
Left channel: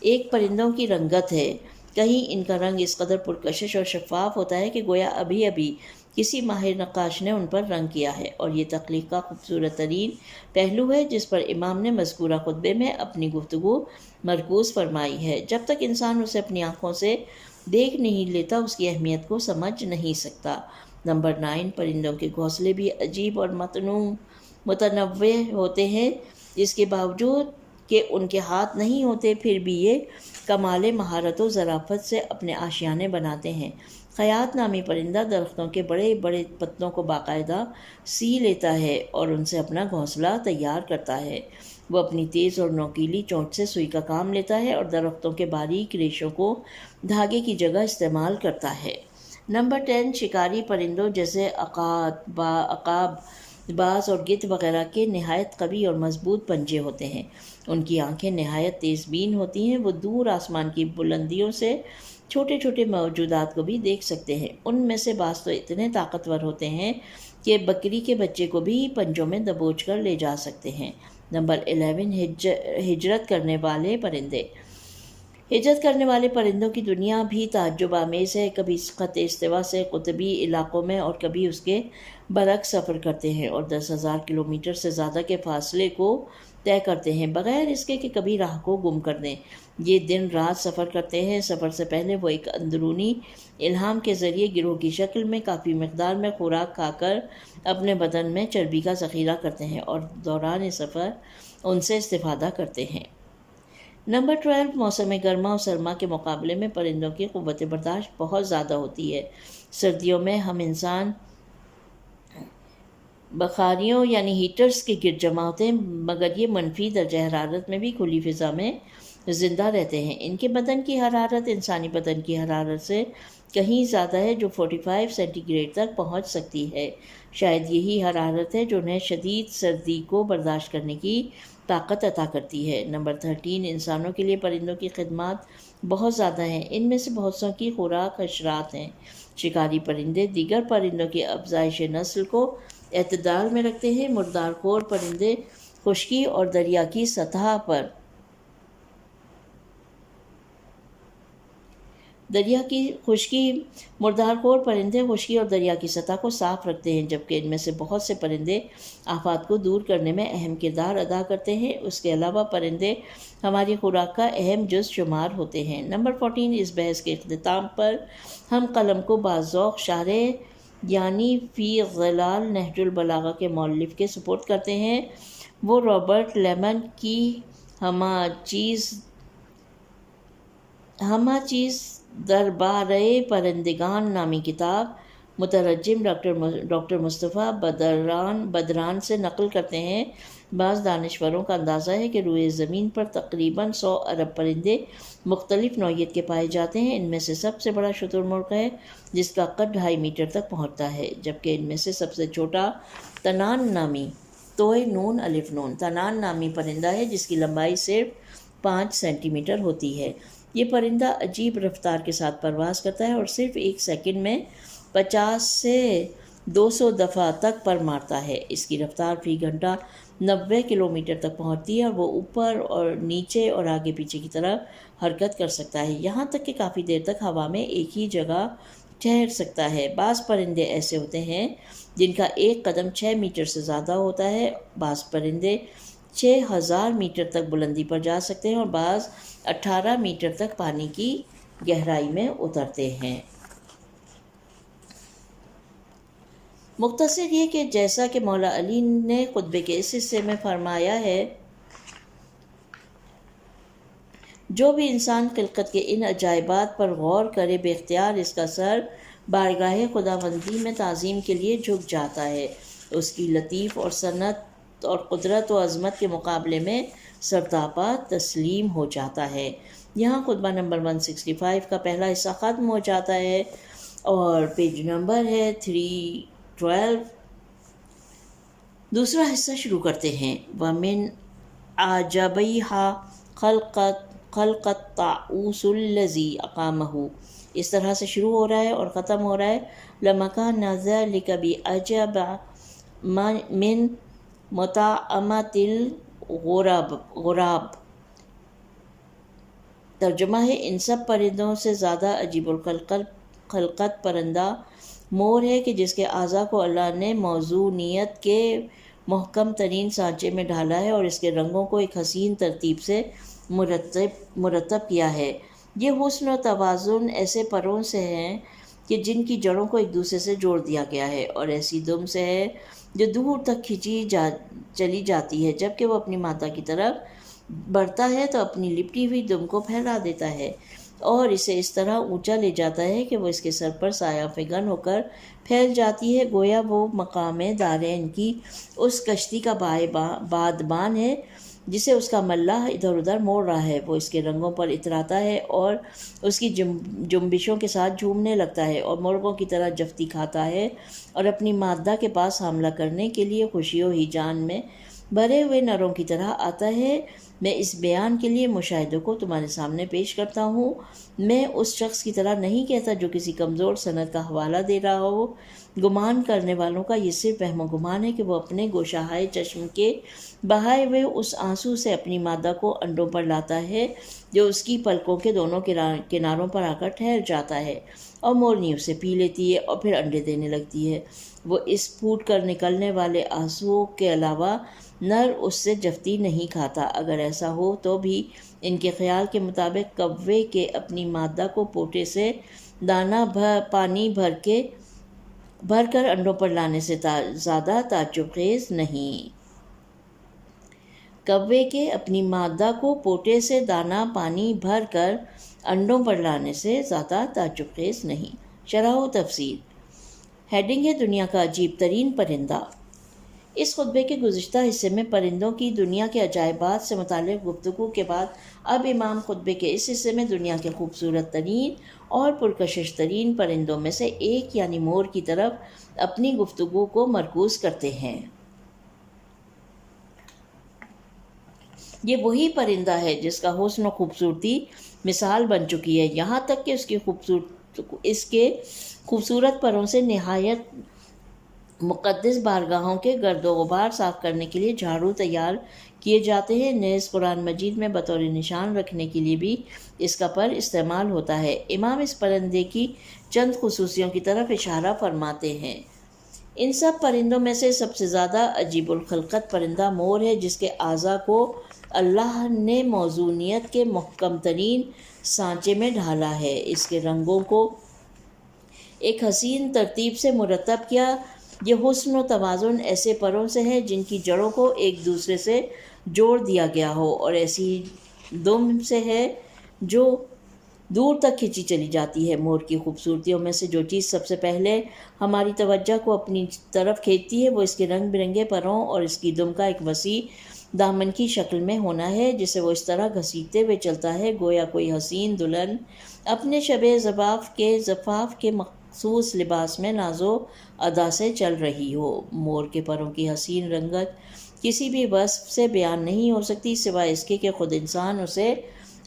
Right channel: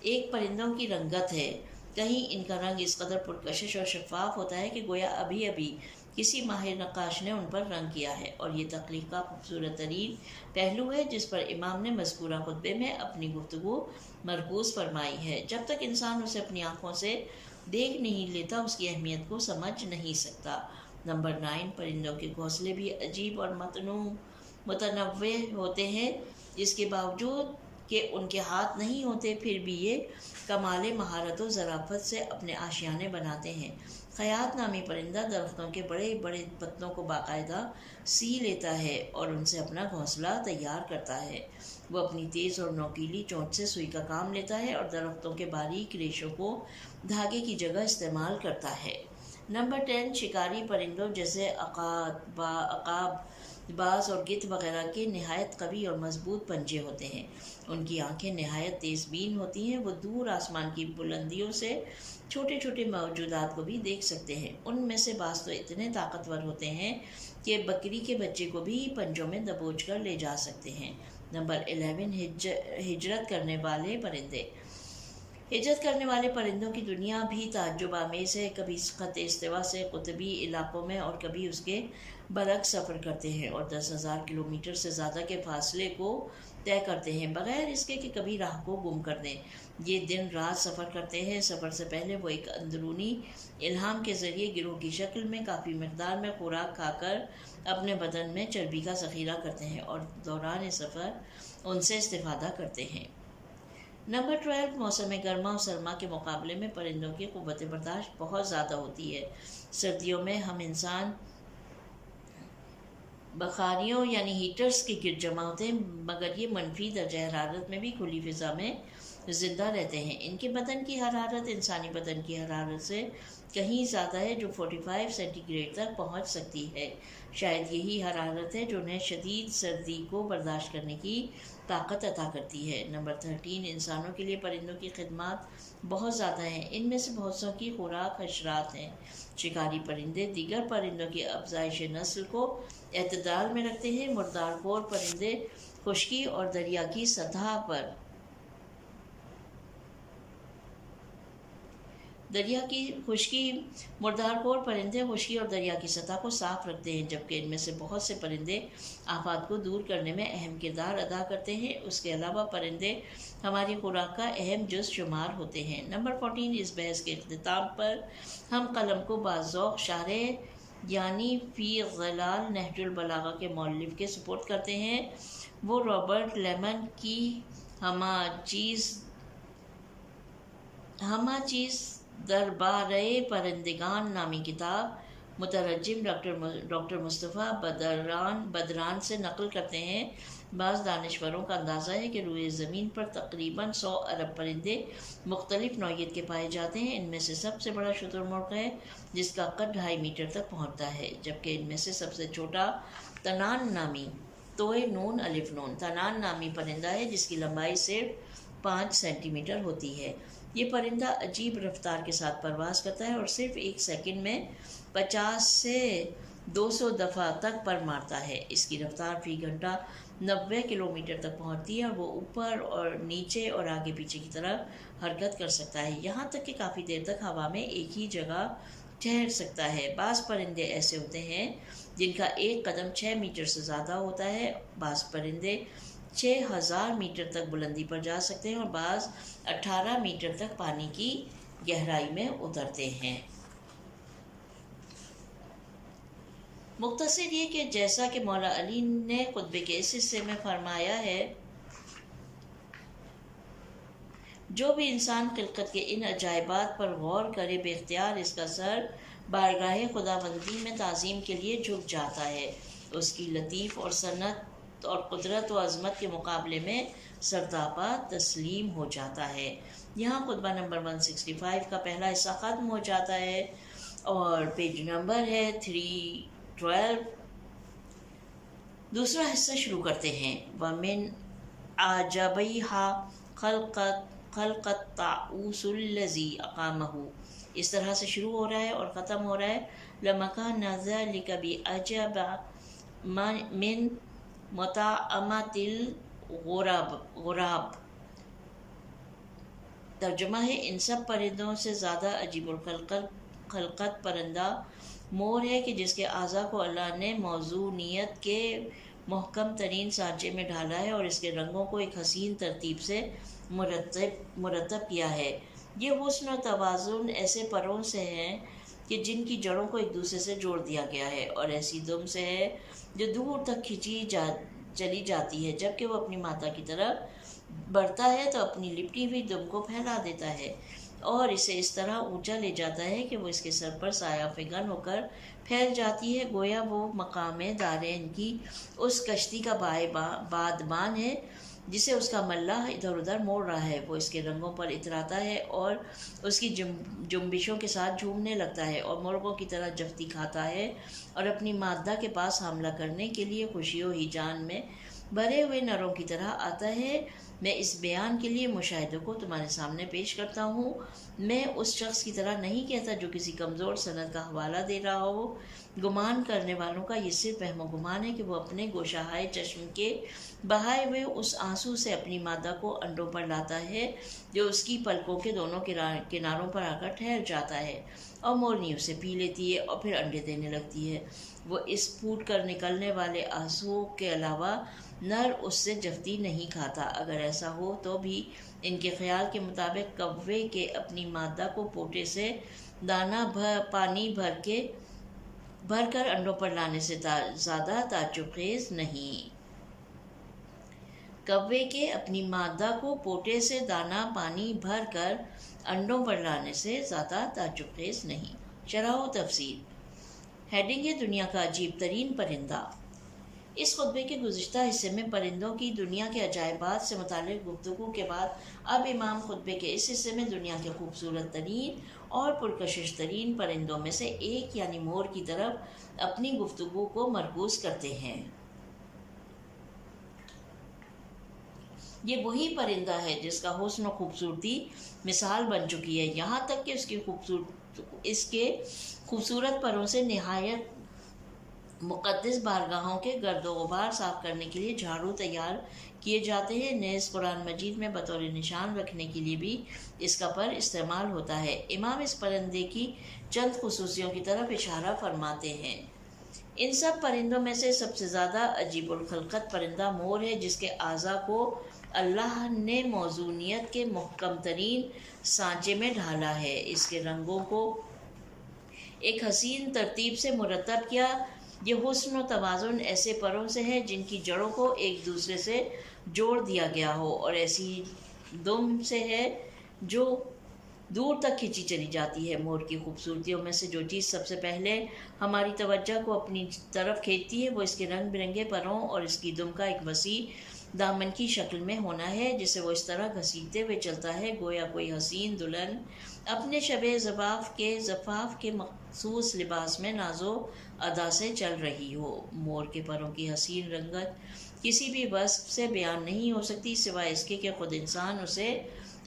ایک پرندوں کی رنگت ہے۔ کہیں ان کا رنگ اس قدر پرکشش اور شفاف ہوتا ہے کہ گویا ابھی ابھی کسی ماہر نقاش نے ان پر رنگ کیا ہے، اور یہ تخلیق کا خوبصورت ترین پہلو ہے جس پر امام نے مذکورہ خطبے میں اپنی گفتگو مرکوز فرمائی ہے۔ جب تک انسان اسے اپنی آنکھوں سے دیکھ نہیں لیتا اس کی اہمیت کو سمجھ نہیں سکتا۔ نمبر 9 پرندوں کے گھونسلے بھی عجیب اور متنوع ہوتے ہیں۔ اس کے باوجود کہ ان کے ہاتھ نہیں ہوتے پھر بھی یہ کمال مہارت و ظرافت سے اپنے آشیانے بناتے ہیں۔ خیاط نامی پرندہ درختوں کے بڑے بڑے پتوں کو باقاعدہ سی لیتا ہے اور ان سے اپنا گھونسلہ تیار کرتا ہے۔ وہ اپنی تیز اور نوکیلی چونچ سے سوئی کا کام لیتا ہے اور درختوں کے باریک ریشوں کو دھاگے کی جگہ استعمال کرتا ہے۔ نمبر 10 شکاری پرندوں جیسے عقاب، باز اور گدھ وغیرہ کے نہایت قوی اور مضبوط پنجے ہوتے ہیں۔ ان کی آنکھیں نہایت تیز بین ہوتی ہیں۔ وہ دور آسمان کی بلندیوں سے چھوٹے چھوٹے موجودات کو بھی دیکھ سکتے ہیں۔ ان میں سے بعض تو اتنے طاقتور ہوتے ہیں کہ بکری کے بچے کو بھی پنجوں میں دبوچ کر لے جا سکتے ہیں۔ نمبر 11 ہجرت کرنے والے پرندے۔ ہجرت کرنے والے پرندوں کی دنیا بھی تعجب آمیز ہے۔ کبھی خط استوا سے قطبی علاقوں میں اور کبھی اس کے برعکس سفر کرتے ہیں اور 10,000 کلومیٹر سے زیادہ کے فاصلے کو طے کرتے ہیں بغیر اس کے کہ کبھی راہ کو گم کر دیں۔ یہ دن رات سفر کرتے ہیں۔ سفر سے پہلے وہ ایک اندرونی الہام کے ذریعے گروہ کی شکل میں کافی مقدار میں خوراک کھا کر اپنے بدن میں چربی کا ذخیرہ کرتے ہیں اور دوران سفر ان سے استفادہ کرتے ہیں۔ نمبر 12 موسم گرما اور سرما کے مقابلے میں پرندوں کی قوت برداشت بہت زیادہ ہوتی ہے۔ سردیوں میں ہم انسان بخاریوں یعنی ہیٹرز کے گرد جمع ہوتے ہیں، مگر یہ منفی درجہ حرارت میں بھی کھلی فضا میں زندہ رہتے ہیں۔ ان کے بدن کی حرارت انسانی بدن کی حرارت سے کہیں زیادہ ہے، جو 45 سینٹی گریڈ تک پہنچ سکتی ہے۔ شاید یہی حرارت ہے جو انہیں شدید سردی کو برداشت کرنے کی طاقت عطا کرتی ہے۔ نمبر 13 انسانوں کے لیے پرندوں کی خدمات بہت زیادہ ہیں۔ ان میں سے بہت سو کی خوراک حشرات ہیں۔ شکاری پرندے دیگر پرندوں کی افزائش نسل کو اعتدال میں رکھتے ہیں۔ مردار خور پرندے خشکی اور دریا کی سطح پر مردار خور پرندے خشکی اور دریا کی سطح کو صاف رکھتے ہیں، جبکہ ان میں سے بہت سے پرندے آفات کو دور کرنے میں اہم کردار ادا کرتے ہیں۔ اس کے علاوہ پرندے ہماری خوراک کا اہم جز شمار ہوتے ہیں۔ نمبر 14 اس بحث کے اختتام پر ہم قلم کو باذوق شارح یعنی فی ظلال نہج البلاغہ کے مؤلف کے سپرد کرتے ہیں۔ وہ رابرٹ لیمن کی ہمہ چیز دربارِ پرندگان نامی کتاب مترجم ڈاکٹر مصطفیٰ بدران سے نقل کرتے ہیں۔ بعض دانشوروں کا اندازہ ہے کہ روئے زمین پر تقریباً 100 ارب پرندے مختلف نوعیت کے پائے جاتے ہیں۔ ان میں سے سب سے بڑا شتر مرغ ہے جس کا قد 2.5 میٹر تک پہنچتا ہے، جبکہ ان میں سے سب سے چھوٹا تنان نامی پرندہ ہے جس کی لمبائی صرف 5 سینٹی میٹر ہوتی ہے۔ یہ پرندہ عجیب رفتار کے ساتھ پرواز کرتا ہے اور صرف 1 سیکنڈ میں 50 سے 200 دفعہ تک پر مارتا ہے۔ اس کی رفتار فی گھنٹہ 90 کلومیٹر تک پہنچتی ہے اور وہ اوپر اور نیچے اور آگے پیچھے کی طرف حرکت کر سکتا ہے، یہاں تک کہ کافی دیر تک ہوا میں ایک ہی جگہ ٹھہر سکتا ہے۔ بعض پرندے ایسے ہوتے ہیں جن کا ایک قدم 6 میٹر سے زیادہ ہوتا ہے۔ بعض پرندے 6000 میٹر تک بلندی پر جا سکتے ہیں اور بعض 18 میٹر تک پانی کی گہرائی میں اترتے ہیں۔ مختصر یہ کہ جیسا کہ مولا علی نے خطبے کے اس حصے میں فرمایا ہے، جو بھی انسان خلقت کے ان عجائبات پر غور کرے بے اختیار اس کا سر بارگاہ خداوندی میں تعظیم کے لیے جھک جاتا ہے۔ اس کی لطیف اور صنعت اور قدرت و عظمت کے مقابلے میں سرتاپا تسلیم ہو جاتا ہے۔ یہاں خطبہ نمبر 165 کا پہلا حصہ ختم ہو جاتا ہے اور پیج نمبر ہے 312۔ دوسرا حصہ شروع کرتے ہیں۔ وَمِنْ أَعْجَبِهَا خَلْقَ الطَّاعُوسُ الَّذِي أَقَامَهُ، اس طرح سے شروع ہو رہا ہے اور ختم ہو رہا ہے لَمَكَانَ ذَلِكَ بِأَعْجَبَ مِنْ مُطَعَمَةِ الْغُرَابِ۔ ترجمہ ہے، ان سب پرندوں سے زیادہ عجیب الخلقت پرندہ مور ہے کہ جس کے اعضاء کو اللہ نے موزونیت کے محکم ترین سانچے میں ڈھالا ہے اور اس کے رنگوں کو ایک حسین ترتیب سے مرتب کیا ہے۔ یہ حسن و توازن ایسے پروں سے ہیں کہ جن کی جڑوں کو ایک دوسرے سے جوڑ دیا گیا ہے، اور ایسی دم سے ہے جو دور تک کھینچی چلی جاتی ہے۔ جب کہ وہ اپنی مادہ کی طرف بڑھتا ہے تو اپنی لپٹی ہوئی دم کو پھیلا دیتا ہے اور اسے اس طرح اونچا لے جاتا ہے کہ وہ اس کے سر پر سایہ فگن ہو کر پھیل جاتی ہے، گویا وہ مقام دارین کی اس کشتی کا بادبان ہے جسے اس کا ملاح ادھر ادھر موڑ رہا ہے۔ وہ اس کے رنگوں پر اتراتا ہے اور اس کی جنبشوں کے ساتھ جھومنے لگتا ہے اور مرغوں کی طرح جفتی کھاتا ہے اور اپنی مادہ کے پاس حملہ کرنے کے لیے خوشی و ہیجان میں بھرے ہوئے نروں کی طرح آتا ہے۔ میں اس بیان کے لیے مشاہدوں کو تمہارے سامنے پیش کرتا ہوں۔ میں اس شخص کی طرح نہیں کہتا جو کسی کمزور سند کا حوالہ دے رہا ہو۔ گمان کرنے والوں کا یہ صرف وہم و گمان ہے کہ وہ اپنے گوشہائے چشم کے بہائے ہوئے اس آنسو سے اپنی مادہ کو انڈوں پر لاتا ہے جو اس کی پلکوں کے دونوں کناروں پر آ کر ٹھہر جاتا ہے، اور مورنی اسے پی لیتی ہے اور پھر انڈے دینے لگتی ہے۔ وہ اس پھوٹ کر نکلنے والے آنسوؤں کے علاوہ نر اس سے جفتی نہیں کھاتا۔ اگر ایسا ہو تو بھی ان کے خیال کے مطابق کوے کے اپنی مادہ کو پوٹے سے دانہ پانی بھر کر انڈوں پر لانے سے زیادہ تعجب خیز نہیں۔ کوے کے اپنی مادہ کو پوٹے سے دانہ پانی بھر کر انڈوں پر لانے سے زیادہ تعجب خیز نہیں۔ شرح و تفسیر۔ ہیڈنگ ہے دنیا کا عجیب ترین پرندہ۔ اس خطبے کے گزشتہ حصے میں پرندوں کی دنیا کے عجائبات سے متعلق گفتگو کے بعد اب امام خطبے کے اس حصے میں دنیا کے خوبصورت ترین اور پرکشش ترین پرندوں میں سے ایک یعنی مور کی طرف اپنی گفتگو کو مرکوز کرتے ہیں۔ یہ وہی پرندہ ہے جس کا حسن و خوبصورتی مثال بن چکی ہے، یہاں تک کہ اس کے خوبصورت پروں سے نہایت مقدس بارگاہوں کے گرد و غبار صاف کرنے کے لیے جھاڑو تیار کیے جاتے ہیں۔ نیز قرآن مجید میں بطور نشان رکھنے کے لیے بھی اس کا پر استعمال ہوتا ہے۔ امام اس پرندے کی چند خصوصیوں کی طرف اشارہ فرماتے ہیں۔ ان سب پرندوں میں سے سب سے زیادہ عجیب الخلقت پرندہ مور ہے جس کے اعضاء کو اللہ نے موزونیت کے محکم ترین سانچے میں ڈھالا ہے، اس کے رنگوں کو ایک حسین ترتیب سے مرتب کیا۔ یہ حسن و توازن ایسے پروں سے ہے جن کی جڑوں کو ایک دوسرے سے جوڑ دیا گیا ہو، اور ایسی دم سے ہے جو دور تک کھینچی چلی جاتی ہے۔ مور کی خوبصورتیوں میں سے جو چیز سب سے پہلے ہماری توجہ کو اپنی طرف کھینچتی ہے وہ اس کے رنگ برنگے پروں اور اس کی دم کا ایک وسیع دامن کی شکل میں ہونا ہے، جسے وہ اس طرح گھسیٹتے ہوئے چلتا ہے گویا کوئی حسین دلہن اپنے شب زفاف کے مخصوص لباس میں ناز و ادا سے چل رہی ہو۔ مور کے پروں کی حسین رنگت کسی بھی وصف سے بیان نہیں ہو سکتی سوائے اس کے کہ خود انسان اسے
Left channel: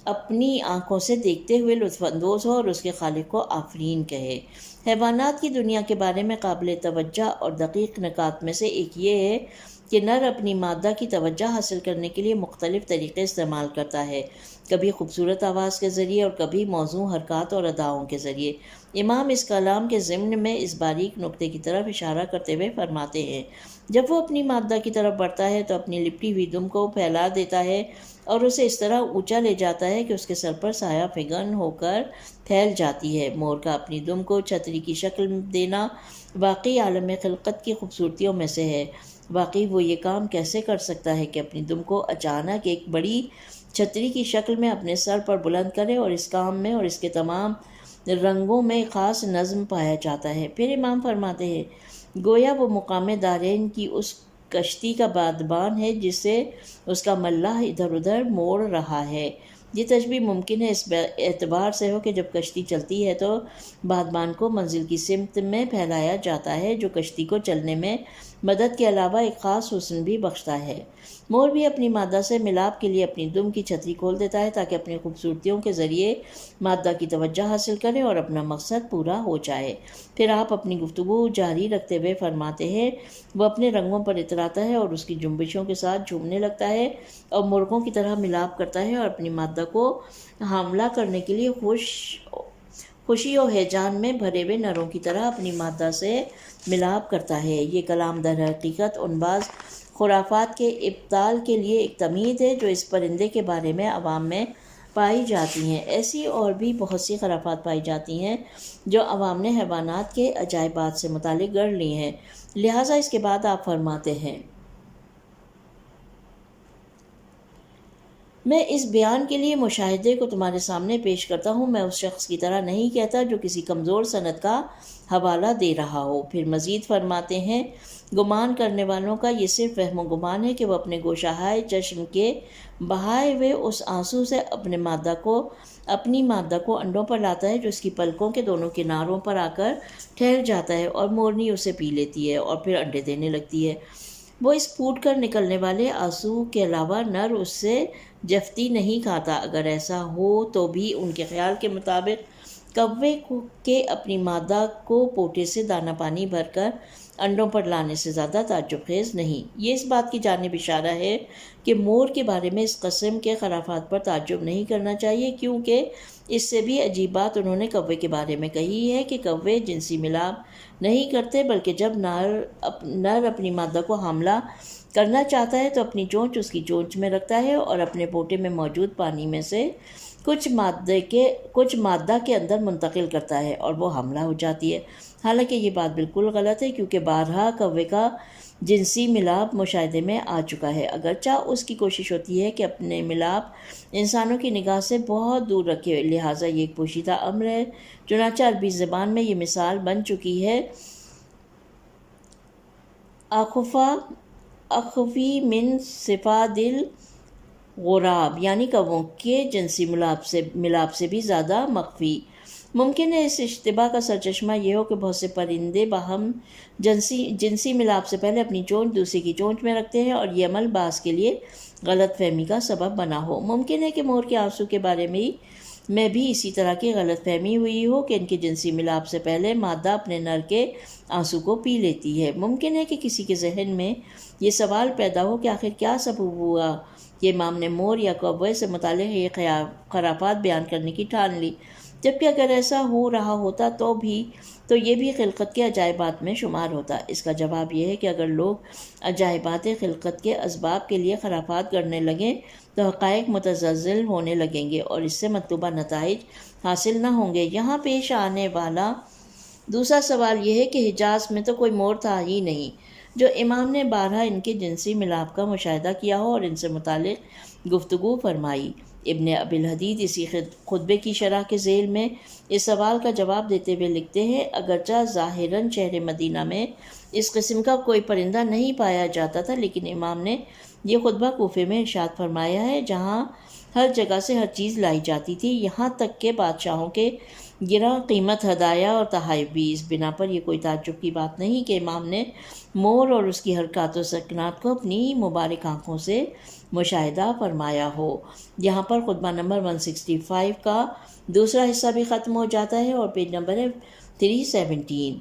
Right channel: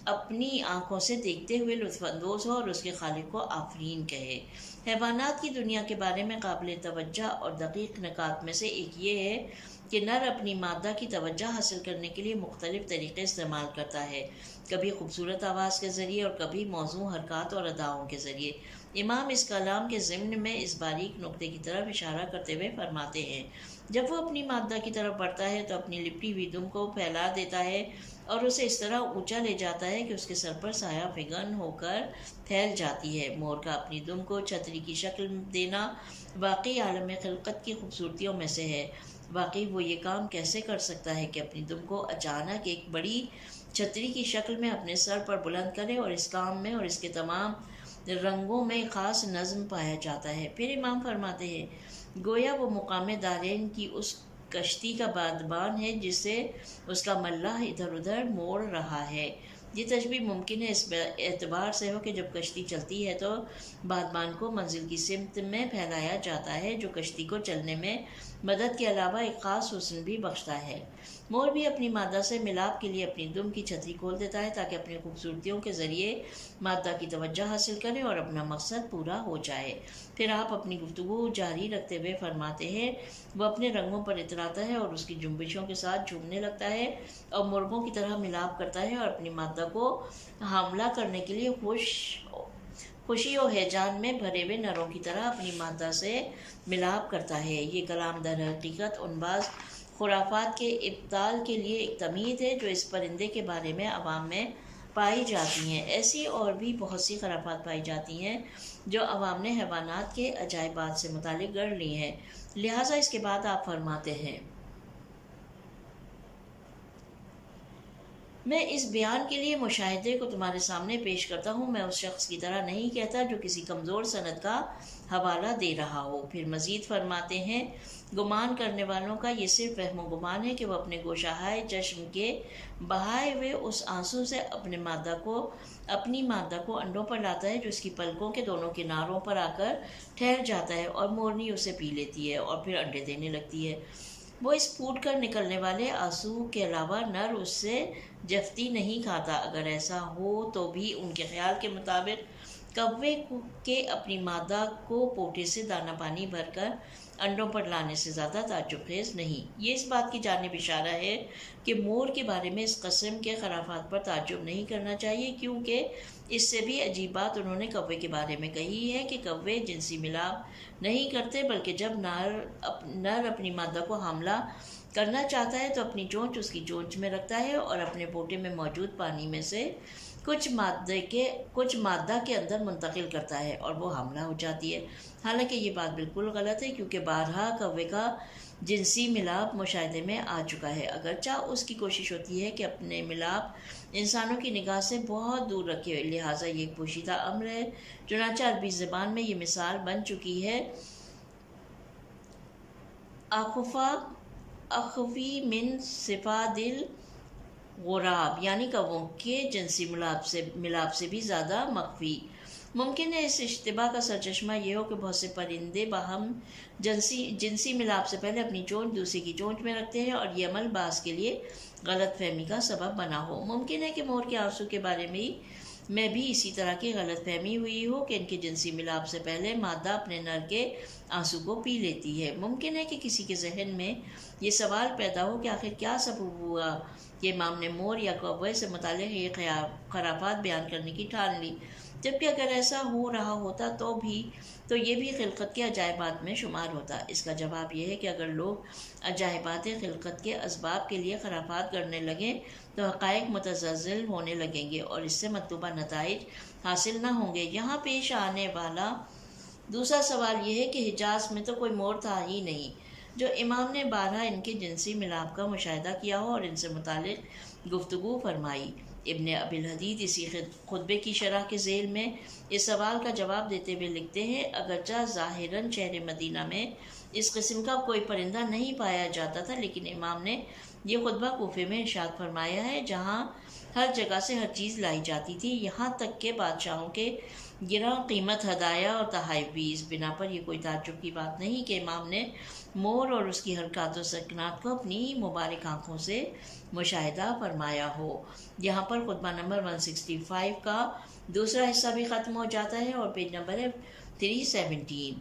اپنی آنکھوں سے دیکھتے ہوئے لطف اندوز ہو اور اس کے خالق کو آفرین کہے۔ حیوانات کی دنیا کے بارے میں قابل توجہ اور دقیق نکات میں سے ایک یہ ہے کہ نر اپنی مادہ کی توجہ حاصل کرنے کے لیے مختلف طریقے استعمال کرتا ہے، کبھی خوبصورت آواز کے ذریعے اور کبھی موزوں حرکات اور اداؤں کے ذریعے۔ امام اس کلام کے ضمن میں اس باریک نکتے کی طرف اشارہ کرتے ہوئے فرماتے ہیں، جب وہ اپنی مادہ کی طرف بڑھتا ہے تو اپنی لپٹی ہوئی دم کو پھیلا دیتا ہے اور اسے اس طرح اونچا لے جاتا ہے کہ اس کے سر پر سایہ فگن ہو کر پھیل جاتی ہے۔ مور کا اپنی دم کو چھتری کی شکل دینا واقعی عالم خلقت کی خوبصورتیوں میں سے ہے۔ واقعی وہ یہ کام کیسے کر سکتا ہے کہ اپنی دم کو اچانک ایک بڑی چھتری کی شکل میں اپنے سر پر بلند کرے، اور اس کام میں اور اس کے تمام رنگوں میں خاص نظم پایا جاتا ہے۔ پھر امام فرماتے ہیں گویا وہ مقام دارین کی اس کشتی کا بادبان ہے جسے اس کا ملاح ادھر ادھر موڑ رہا ہے۔ یہ تشبیہ ممکن ہے اس اعتبار سے ہو کہ جب کشتی چلتی ہے تو بادبان کو منزل کی سمت میں پھیلایا جاتا ہے، جو کشتی کو چلنے میں مدد کے علاوہ ایک خاص حسن بھی بخشتا ہے۔ مور بھی اپنی مادہ سے ملاپ کے لیے اپنی دم کی چھتری کھول دیتا ہے تاکہ اپنی خوبصورتیوں کے ذریعے مادہ کی توجہ حاصل کرے اور اپنا مقصد پورا ہو جائے۔ پھر آپ اپنی گفتگو جاری رکھتے ہوئے فرماتے ہیں وہ اپنے رنگوں پر اتراتا ہے اور اس کی جنبشوں کے ساتھ جھومنے لگتا ہے اور مرغوں کی طرح ملاپ کرتا ہے اور اپنی مادہ کو حاملہ کرنے کے لیے خوشی و ہیجان میں بھرے ہوئے نروں کی طرح اپنی مادہ سے ملاپ کرتا ہے۔ یہ کلام در حقیقت ان بعض خرافات کے ابطال کے لیے ایک تمہید ہے جو اس پرندے کے بارے میں عوام میں پائی جاتی ہیں۔ ایسی اور بھی بہت سی خرافات پائی جاتی ہیں جو عوام نے حیوانات کے عجائبات سے متعلق گڑھ لی ہیں۔ لہٰذا اس کے بعد آپ فرماتے ہیں میں اس بیان کے لیے مشاہدے کو تمہارے سامنے پیش کرتا ہوں، میں اس شخص کی طرح نہیں کہتا جو کسی کمزور سند کا حوالہ دے رہا ہو۔ پھر مزید فرماتے ہیں گمان کرنے والوں کا یہ صرف وہم و گمان ہے کہ وہ اپنے گوشہائے چشم کے بہائے ہوئے اس آنسو سے اپنی مادہ کو انڈوں پر لاتا ہے جو اس کی پلکوں کے دونوں کناروں پر آ کر ٹھہر جاتا ہے اور مورنی اسے پی لیتی ہے اور پھر انڈے دینے لگتی ہے۔ وہ اس پھوٹ کر نکلنے والے آنسو کے علاوہ نر اس سے جفتی نہیں کھاتا۔ اگر ایسا ہو تو بھی ان کے خیال کے مطابق کوے کے اپنی مادہ کو پوٹے سے دانہ پانی بھر کر انڈوں پر لانے سے زیادہ تعجب خیز نہیں۔ یہ اس بات کی جانب اشارہ ہے کہ مور کے بارے میں اس قسم کے خرافات پر تعجب نہیں کرنا چاہیے، کیونکہ اس سے بھی عجیب بات انہوں نے کوے کے بارے میں کہی ہے کہ کوے جنسی ملاپ نہیں کرتے، بلکہ جب نر اپنی مادہ کو حاملہ کرنا چاہتا ہے تو اپنی چونچ اس کی چونچ میں رکھتا ہے اور اپنے پوٹے میں موجود پانی میں سے کچھ مادہ کے اندر منتقل کرتا ہے اور وہ حاملہ ہو جاتی ہے۔ حالانکہ یہ بات بالکل غلط ہے، کیونکہ بارہا کوے کا جنسی ملاپ مشاہدے میں آ چکا ہے، اگرچہ اس کی کوشش ہوتی ہے کہ اپنے ملاپ انسانوں کی نگاہ سے بہت دور رکھے، لہٰذا یہ ایک پوشیدہ امر ہے۔ چنانچہ عربی زبان میں یہ مثال بن چکی ہے اخفی من صفاد الغراب، یعنی کووں کے جنسی ملاپ سے بھی زیادہ مخفی۔ ممکن ہے اس اشتباہ کا سرچشمہ یہ ہو کہ بہت سے پرندے باہم جنسی ملاپ سے پہلے اپنی چونچ دوسرے کی چونچ میں رکھتے ہیں اور یہ عمل بعض کے لیے غلط فہمی کا سبب بنا ہو۔ ممکن ہے کہ مور کے آنسو کے بارے میں بھی اسی طرح کی غلط فہمی ہوئی ہو کہ ان کے جنسی ملاپ سے پہلے مادہ اپنے نر کے آنسو کو پی لیتی ہے۔ ممکن ہے کہ کسی کے ذہن میں یہ سوال پیدا ہو کہ آخر کیا سبب ہوا کہ امام نے مور یا کوے سے متعلق یہ خرافات بیان کرنے کی ٹھان لی، جبکہ اگر ایسا ہو رہا ہوتا تو یہ بھی خلقت کے عجائبات میں شمار ہوتا۔ اس کا جواب یہ ہے کہ اگر لوگ عجائبات خلقت کے اسباب کے لیے خرافات گڑھنے لگیں تو حقائق متزلزل ہونے لگیں گے اور اس سے مطلوبہ نتائج حاصل نہ ہوں گے۔ یہاں پیش آنے والا دوسرا سوال یہ ہے کہ حجاز میں تو کوئی مور تھا ہی نہیں جو امام نے بارہا ان کے جنسی ملاپ کا مشاہدہ کیا ہو اور ان سے متعلق گفتگو فرمائی۔ ابن ابی الحدید اسی خطبے کی شرح کے ذیل میں اس سوال کا جواب دیتے ہوئے لکھتے ہیں اگرچہ ظاہراً شہر مدینہ میں اس قسم کا کوئی پرندہ نہیں پایا جاتا تھا، لیکن امام نے یہ خطبہ کوفے میں ارشاد فرمایا ہے جہاں ہر جگہ سے ہر چیز لائی جاتی تھی، یہاں تک کہ بادشاہوں کے گراں قیمت ہدایہ اور تحائف بھی۔ اس بنا پر یہ کوئی تعجب کی بات نہیں کہ امام نے مور اور اس کی حرکات و سکنات کو اپنی مبارک آنکھوں سے مشاہدہ فرمایا ہو۔ یہاں پر خطبہ نمبر 165 کا دوسرا حصہ بھی ختم ہو جاتا ہے اور پیج نمبر ہے 317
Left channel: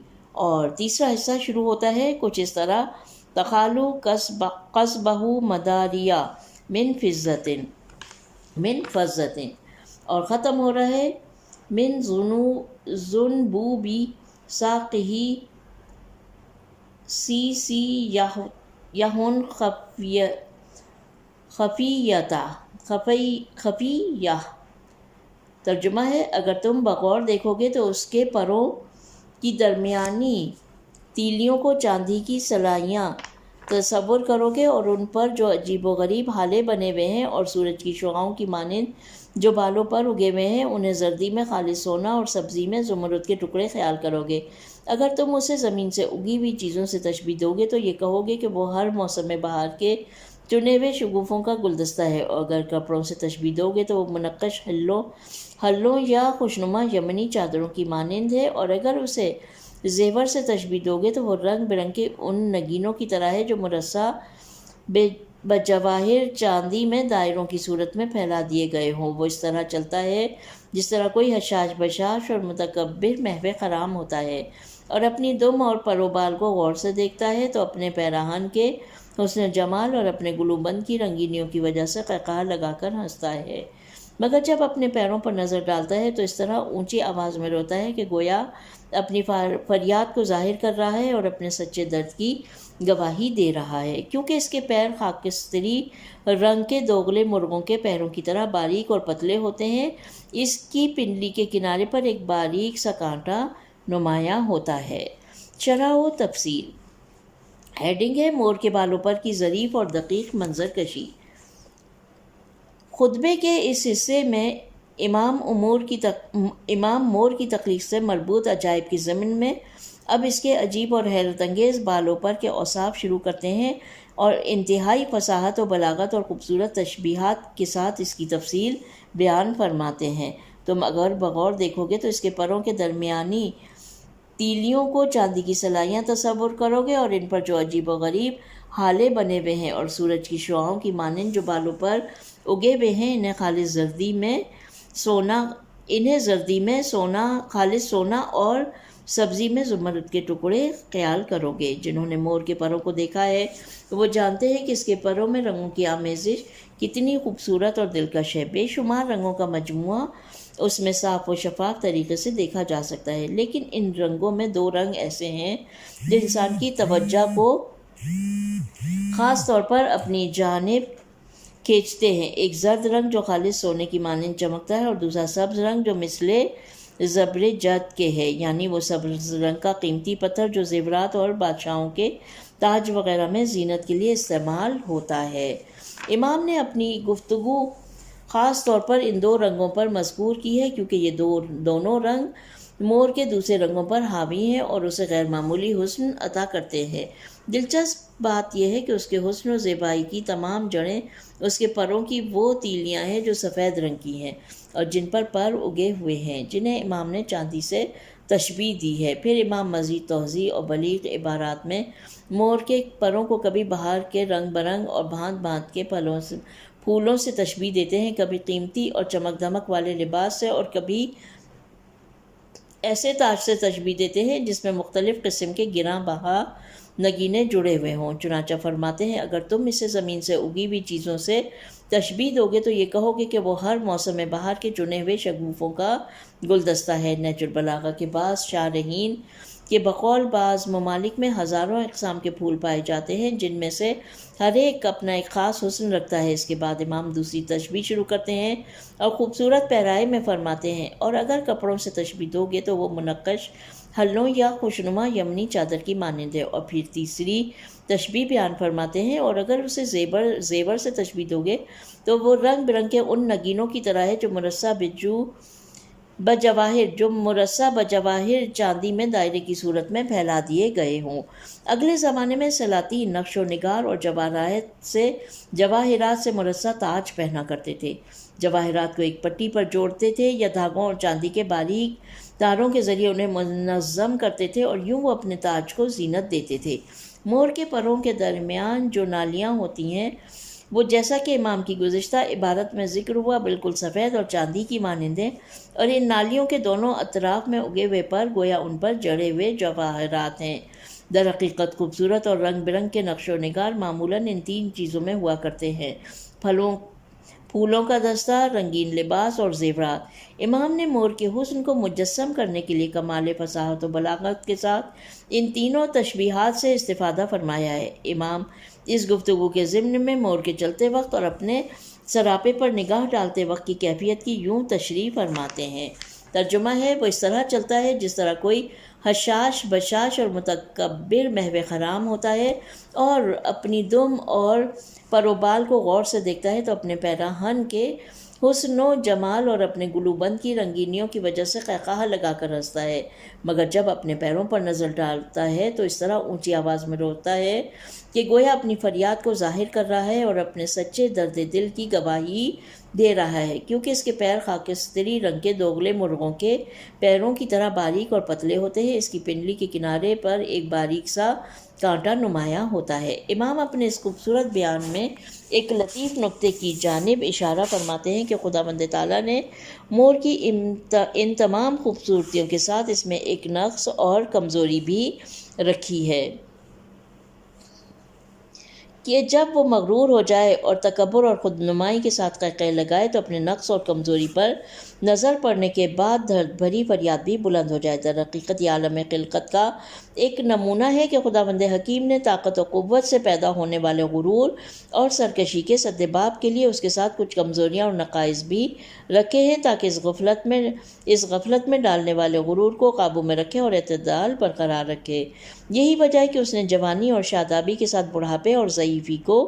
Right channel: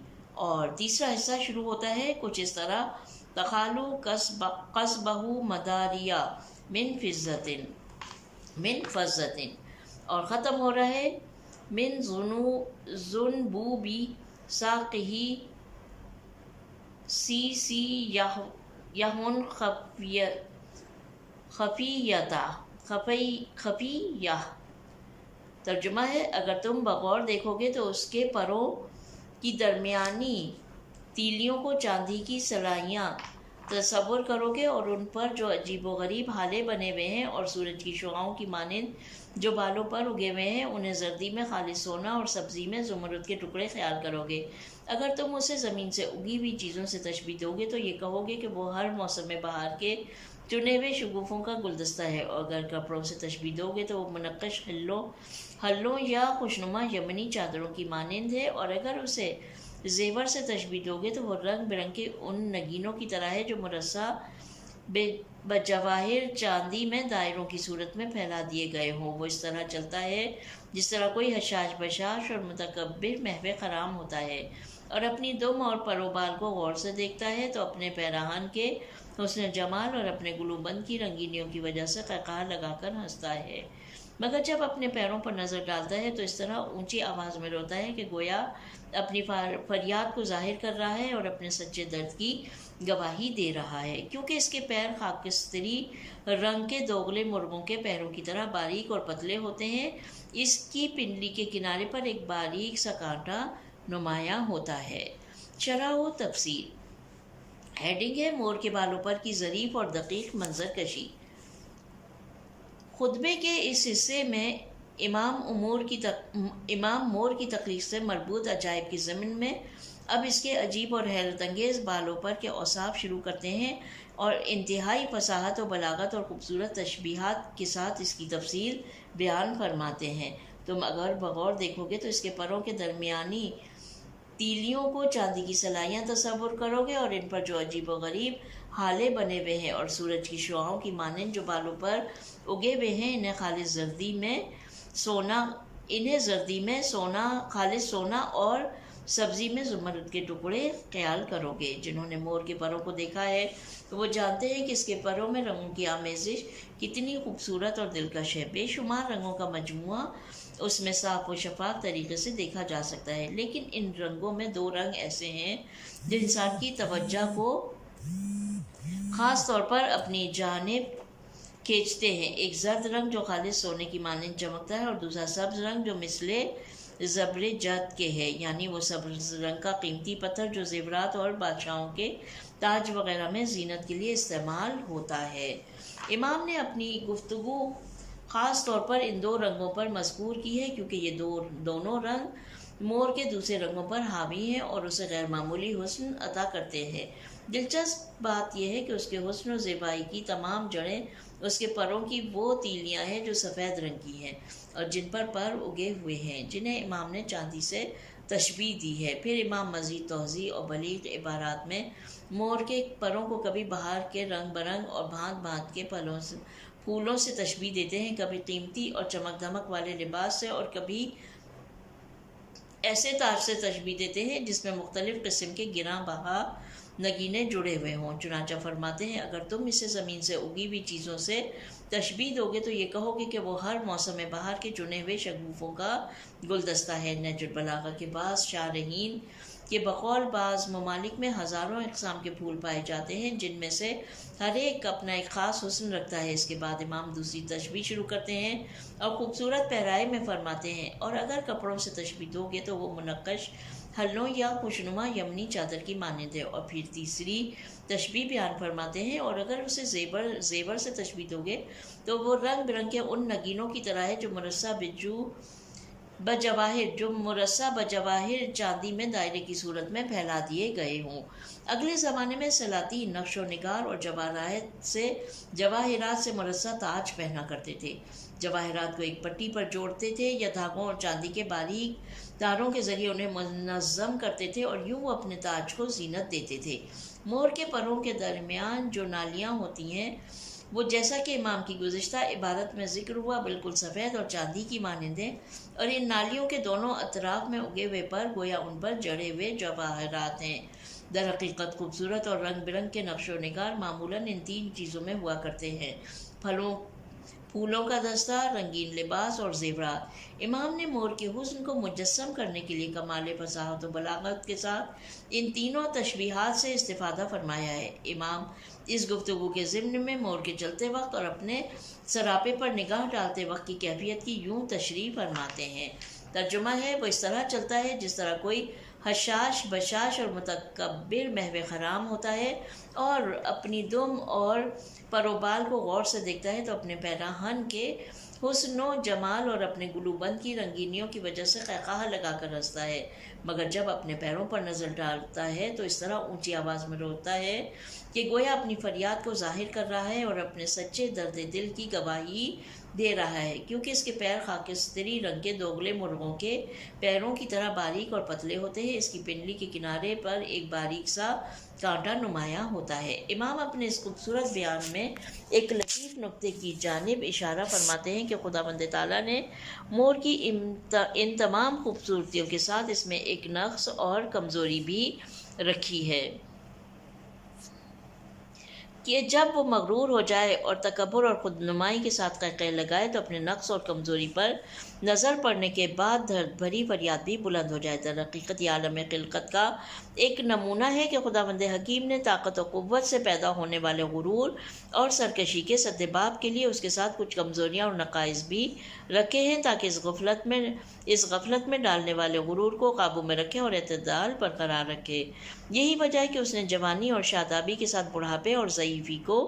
اور تیسرا حصہ شروع ہوتا ہے کچھ اس طرح تخالو قصبہ مداریہ من فضتن اور ختم ہو رہا ہے من ذنبوبی ساقہی سی یہن خفیہ۔ ترجمہ ہے اگر تم بغور دیکھو گے تو اس کے پروں کی درمیانی تیلیوں کو چاندی کی سلائیاں تصور کرو گے اور ان پر جو عجیب و غریب ہالے بنے ہوئے ہیں اور سورج کی شعاؤں کی مانند جو بالوں پر اگے ہوئے ہیں انہیں زردی میں خالص سونا اور سبزی میں زمرد کے ٹکڑے خیال کرو گے، اگر تم اسے زمین سے اگی ہوئی چیزوں سے تشبیہ دو گے تو یہ کہو گے کہ وہ ہر موسم بہار کے چنے ہوئے شگوفوں کا گلدستہ ہے، اور اگر کپڑوں سے تشبیہ دو گے تو وہ منقش ہلوں یا خوشنما یمنی چادروں کی مانند ہے، اور اگر اسے زیور سے تشبیہ دو گے تو وہ رنگ برنگ کے ان نگینوں کی طرح ہے جو مرصع بجواہر چاندی میں دائروں کی صورت میں پھیلا دیے گئے ہوں۔ وہ اس طرح چلتا ہے جس طرح کوئی حشاش بشاش اور متکبر محو خرام ہوتا ہے، اور اپنی دم اور پر و بال کو غور سے دیکھتا ہے تو اپنے پیراہن کے حسن جمال اور اپنے گلوبند کی رنگینیوں کی وجہ سے قہقہہ لگا کر ہنستا ہے، مگر جب اپنے پیروں پر نظر ڈالتا ہے تو اس طرح اونچی آواز میں روتا ہے کہ گویا اپنی فریاد کو ظاہر کر رہا ہے اور اپنے سچے درد کی گواہی دے رہا ہے، کیونکہ اس کے پیر خاکستری رنگ کے دوغلے مرغوں کے پیروں کی طرح باریک اور پتلے ہوتے ہیں۔ اس کی پنڈلی کے کنارے پر ایک باریک سا کانٹا نمایاں ہوتا ہے۔ شرح و تفصیل۔ ہیڈنگ ہے مور کے بالوں پر کی ظریف اور دقیق منظر کشی۔ خطبے کے اس حصے میں امام مور کی تخلیق سے مربوط عجائب کی ضمن میں اب اس کے عجیب اور حیرت انگیز بالوں پر کے اوصاف شروع کرتے ہیں اور انتہائی فصاحت و بلاغت اور خوبصورت تشبیہات کے ساتھ اس کی تفصیل بیان فرماتے ہیں۔ تم اگر بغور دیکھو گے تو اس کے پروں کے درمیانی تیلیوں کو چاندی کی سلائیاں تصور کرو گے، اور ان پر جو عجیب و غریب ہالے بنے ہوئے ہیں اور سورج کی شعاؤں کی مانند جو بالوں پر اگے ہوئے ہیں انہیں زردی میں سونا خالص سونا اور سبزی میں زمرد کے ٹکڑے خیال کرو گے۔ جنہوں نے مور کے پروں کو دیکھا ہے وہ جانتے ہیں کہ اس کے پروں میں رنگوں کی آمیزش کتنی خوبصورت اور دلکش ہے۔ بے شمار رنگوں کا مجموعہ اس میں صاف و شفاف طریقے سے دیکھا جا سکتا ہے، لیکن ان رنگوں میں دو رنگ ایسے ہیں جو انسان کی توجہ کو خاص طور پر اپنی جانب کھینچتے ہیں۔ ایک زرد رنگ جو خالص سونے کی مانند چمکتا ہے، اور دوسرا سبز رنگ جو مثل زبرجد کے ہے، یعنی وہ سبز رنگ کا قیمتی پتھر جو زیورات اور بادشاہوں کے تاج وغیرہ میں زینت کے لیے استعمال ہوتا ہے۔ امام نے اپنی گفتگو خاص طور پر ان دو رنگوں پر مذکور کی ہے کیونکہ یہ دونوں رنگ مور کے دوسرے رنگوں پر حاوی ہیں اور اسے غیر معمولی حسن عطا کرتے ہیں۔ دلچسپ بات یہ ہے کہ اس کے حسن و زیبائی کی تمام جڑیں اس کے پروں کی وہ تیلیاں ہیں جو سفید رنگ کی ہیں اور جن پر پر اگے ہوئے ہیں، جنہیں امام نے چاندی سے تشبیہ دی ہے۔ پھر امام مزید توضیح اور بلیغ عبارات میں مور کے پروں کو کبھی بہار کے رنگ برنگ اور بھانت بھانت کے پھولوں سے تشبیہ دیتے ہیں، کبھی قیمتی اور چمک دھمک والے لباس سے اور کبھی ایسے تاج سے تشبیہ دیتے ہیں جس میں مختلف قسم کے گراں بہا نگینے جڑے ہوئے ہوں۔ چنانچہ فرماتے ہیں اگر تم اسے زمین سے اگی ہوئی چیزوں سے تشبیہ دو گے تو یہ کہو گے کہ وہ ہر موسم بہار کے چنے ہوئے شگوفوں کا گلدستہ ہے۔ نہج البلاغہ کے بعض شارحین کے بقول بعض ممالک میں ہزاروں اقسام کے پھول پائے جاتے ہیں جن میں سے ہر ایک اپنا ایک خاص حسن رکھتا ہے۔ اس کے بعد امام دوسری تشبیہ شروع کرتے ہیں اور خوبصورت پیرائے میں فرماتے ہیں اور اگر کپڑوں سے تشبیہ دو گے تو وہ منقش ہلوں یا خوشنما یمنی چادر کی مانند ہے، اور پھر تیسری تشبیہ بیان فرماتے ہیں اور اگر اسے زیور سے تشبیہ دو گے تو وہ رنگ برنگ کے ان نگینوں کی طرح ہے جو مرصع بجواہر چاندی میں دائرے کی صورت میں پھیلا دیے گئے ہوں۔ اگلے زمانے میں سلاطین نقش و نگار اور جواہرات سے مرصع تاج پہنا کرتے تھے۔ جواہرات کو ایک پٹی پر جوڑتے تھے یا دھاگوں اور چاندی کے باریک تاروں کے ذریعے انہیں منظم کرتے تھے اور یوں وہ اپنے تاج کو زینت دیتے تھے۔ مور کے پروں کے درمیان جو نالیاں ہوتی ہیں وہ جیسا کہ امام کی گزشتہ عبارت میں ذکر ہوا بالکل سفید اور چاندی کی مانند ہیں، اور ان نالیوں کے دونوں اطراف میں اگے ہوئے پر گویا ان پر جڑے ہوئے جواہرات ہیں۔ در حقیقت خوبصورت اور رنگ برنگ کے نقش و نگار معمولاً ان تین چیزوں میں ہوا کرتے ہیں: پھولوں کا دستہ، رنگین لباس اور زیورات۔ امام نے مور کے حسن کو مجسم کرنے کے لیے کمال فصاحت و بلاغت کے ساتھ ان تینوں تشبیہات سے استفادہ فرمایا ہے۔ امام اس گفتگو کے ضمن میں مور کے چلتے وقت اور اپنے سراپے پر نگاہ ڈالتے وقت کی کیفیت کی یوں تشریح فرماتے ہیں۔ ترجمہ ہے وہ اس طرح چلتا ہے جس طرح کوئی حشاش بشاش اور متکبر محو خرام ہوتا ہے اور اپنی دم اور پروبال کو غور سے دیکھتا ہے تو اپنے پیراہن کے حسن و جمال اور اپنے گلوبند کی رنگینیوں کی وجہ سے قہقہہ لگا کر ہنستا ہے، مگر جب اپنے پیروں پر نظر ڈالتا ہے تو اس طرح اونچی آواز میں روتا ہے کہ گویا اپنی فریاد کو ظاہر کر رہا ہے اور اپنے سچے درد دل کی گواہی دے رہا ہے، کیونکہ اس کے پیر خاکستری رنگ کے دوگلے مرغوں کے پیروں کی طرح باریک اور پتلے ہوتے ہیں۔ اس کی پنڈلی کے کنارے پر ایک باریک سا کانٹا نمایاں ہوتا ہے۔ امام اپنے اس خوبصورت بیان میں ایک لطیف نکتے کی جانب اشارہ فرماتے ہیں کہ خداوند تعالیٰ نے مور کی ان تمام خوبصورتیوں کے ساتھ اس میں ایک نقص اور کمزوری بھی رکھی ہے کہ جب وہ مغرور ہو جائے اور تکبر اور خود نمائی کے ساتھ قہقہے لگائے تو اپنے نقص اور کمزوری پر نظر پڑنے کے بعد درد بھری فریاد بھی بلند ہو جائے۔ در حقیقت یہ عالم خلقت کا ایک نمونہ ہے کہ خداوند حکیم نے طاقت و قوت سے پیدا ہونے والے غرور اور سرکشی کے سدباب کے لیے اس کے ساتھ کچھ کمزوریاں اور نقائص بھی رکھے ہیں تاکہ اس غفلت میں ڈالنے والے غرور کو قابو میں رکھے اور اعتدال برقرار رکھے۔ یہی وجہ ہے کہ اس نے جوانی اور شادابی کے ساتھ بڑھاپے اور ضعیفی کو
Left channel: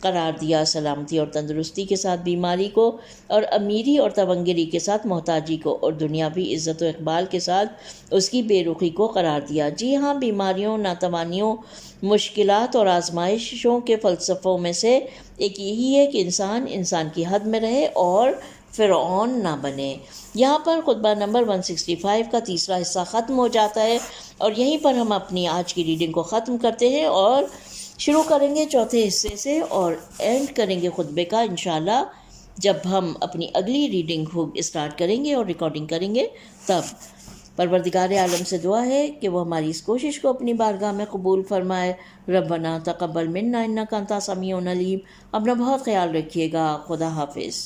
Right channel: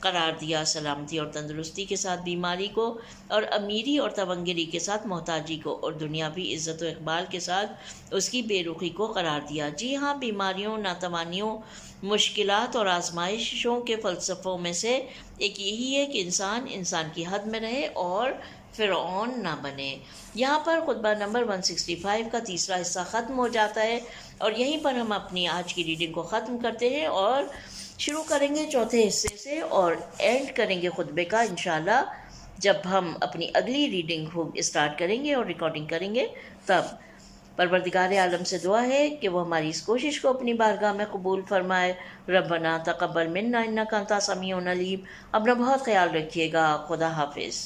قرار دیا، سلامتی اور تندرستی کے ساتھ بیماری کو، اور امیری اور تونگری کے ساتھ محتاجی کو، اور دنیاوی عزت و اقبال کے ساتھ اس کی بے رخی کو قرار دیا۔ جی ہاں، بیماریوں، ناتوانیوں، مشکلات اور آزمائشوں کے فلسفوں میں سے ایک یہی ہے کہ انسان کی حد میں رہے اور فرعون نہ بنے۔ یہاں پر خطبہ نمبر 165 کا تیسرا حصہ ختم ہو جاتا ہے اور یہیں پر ہم اپنی آج کی ریڈنگ کو ختم کرتے ہیں اور شروع کریں گے چوتھے حصے سے اور اینڈ کریں گے خطبے کا انشاءاللہ جب ہم اپنی اگلی ریڈنگ اسٹارٹ کریں گے اور ریکارڈنگ کریں گے تب۔ پروردگار عالم سے دعا ہے کہ وہ ہماری اس کوشش کو اپنی بارگاہ میں قبول فرمائے۔ ربنا تقبل منا انک انت السمیع العلیم۔ اپنا بہت خیال رکھیے گا۔ خدا حافظ۔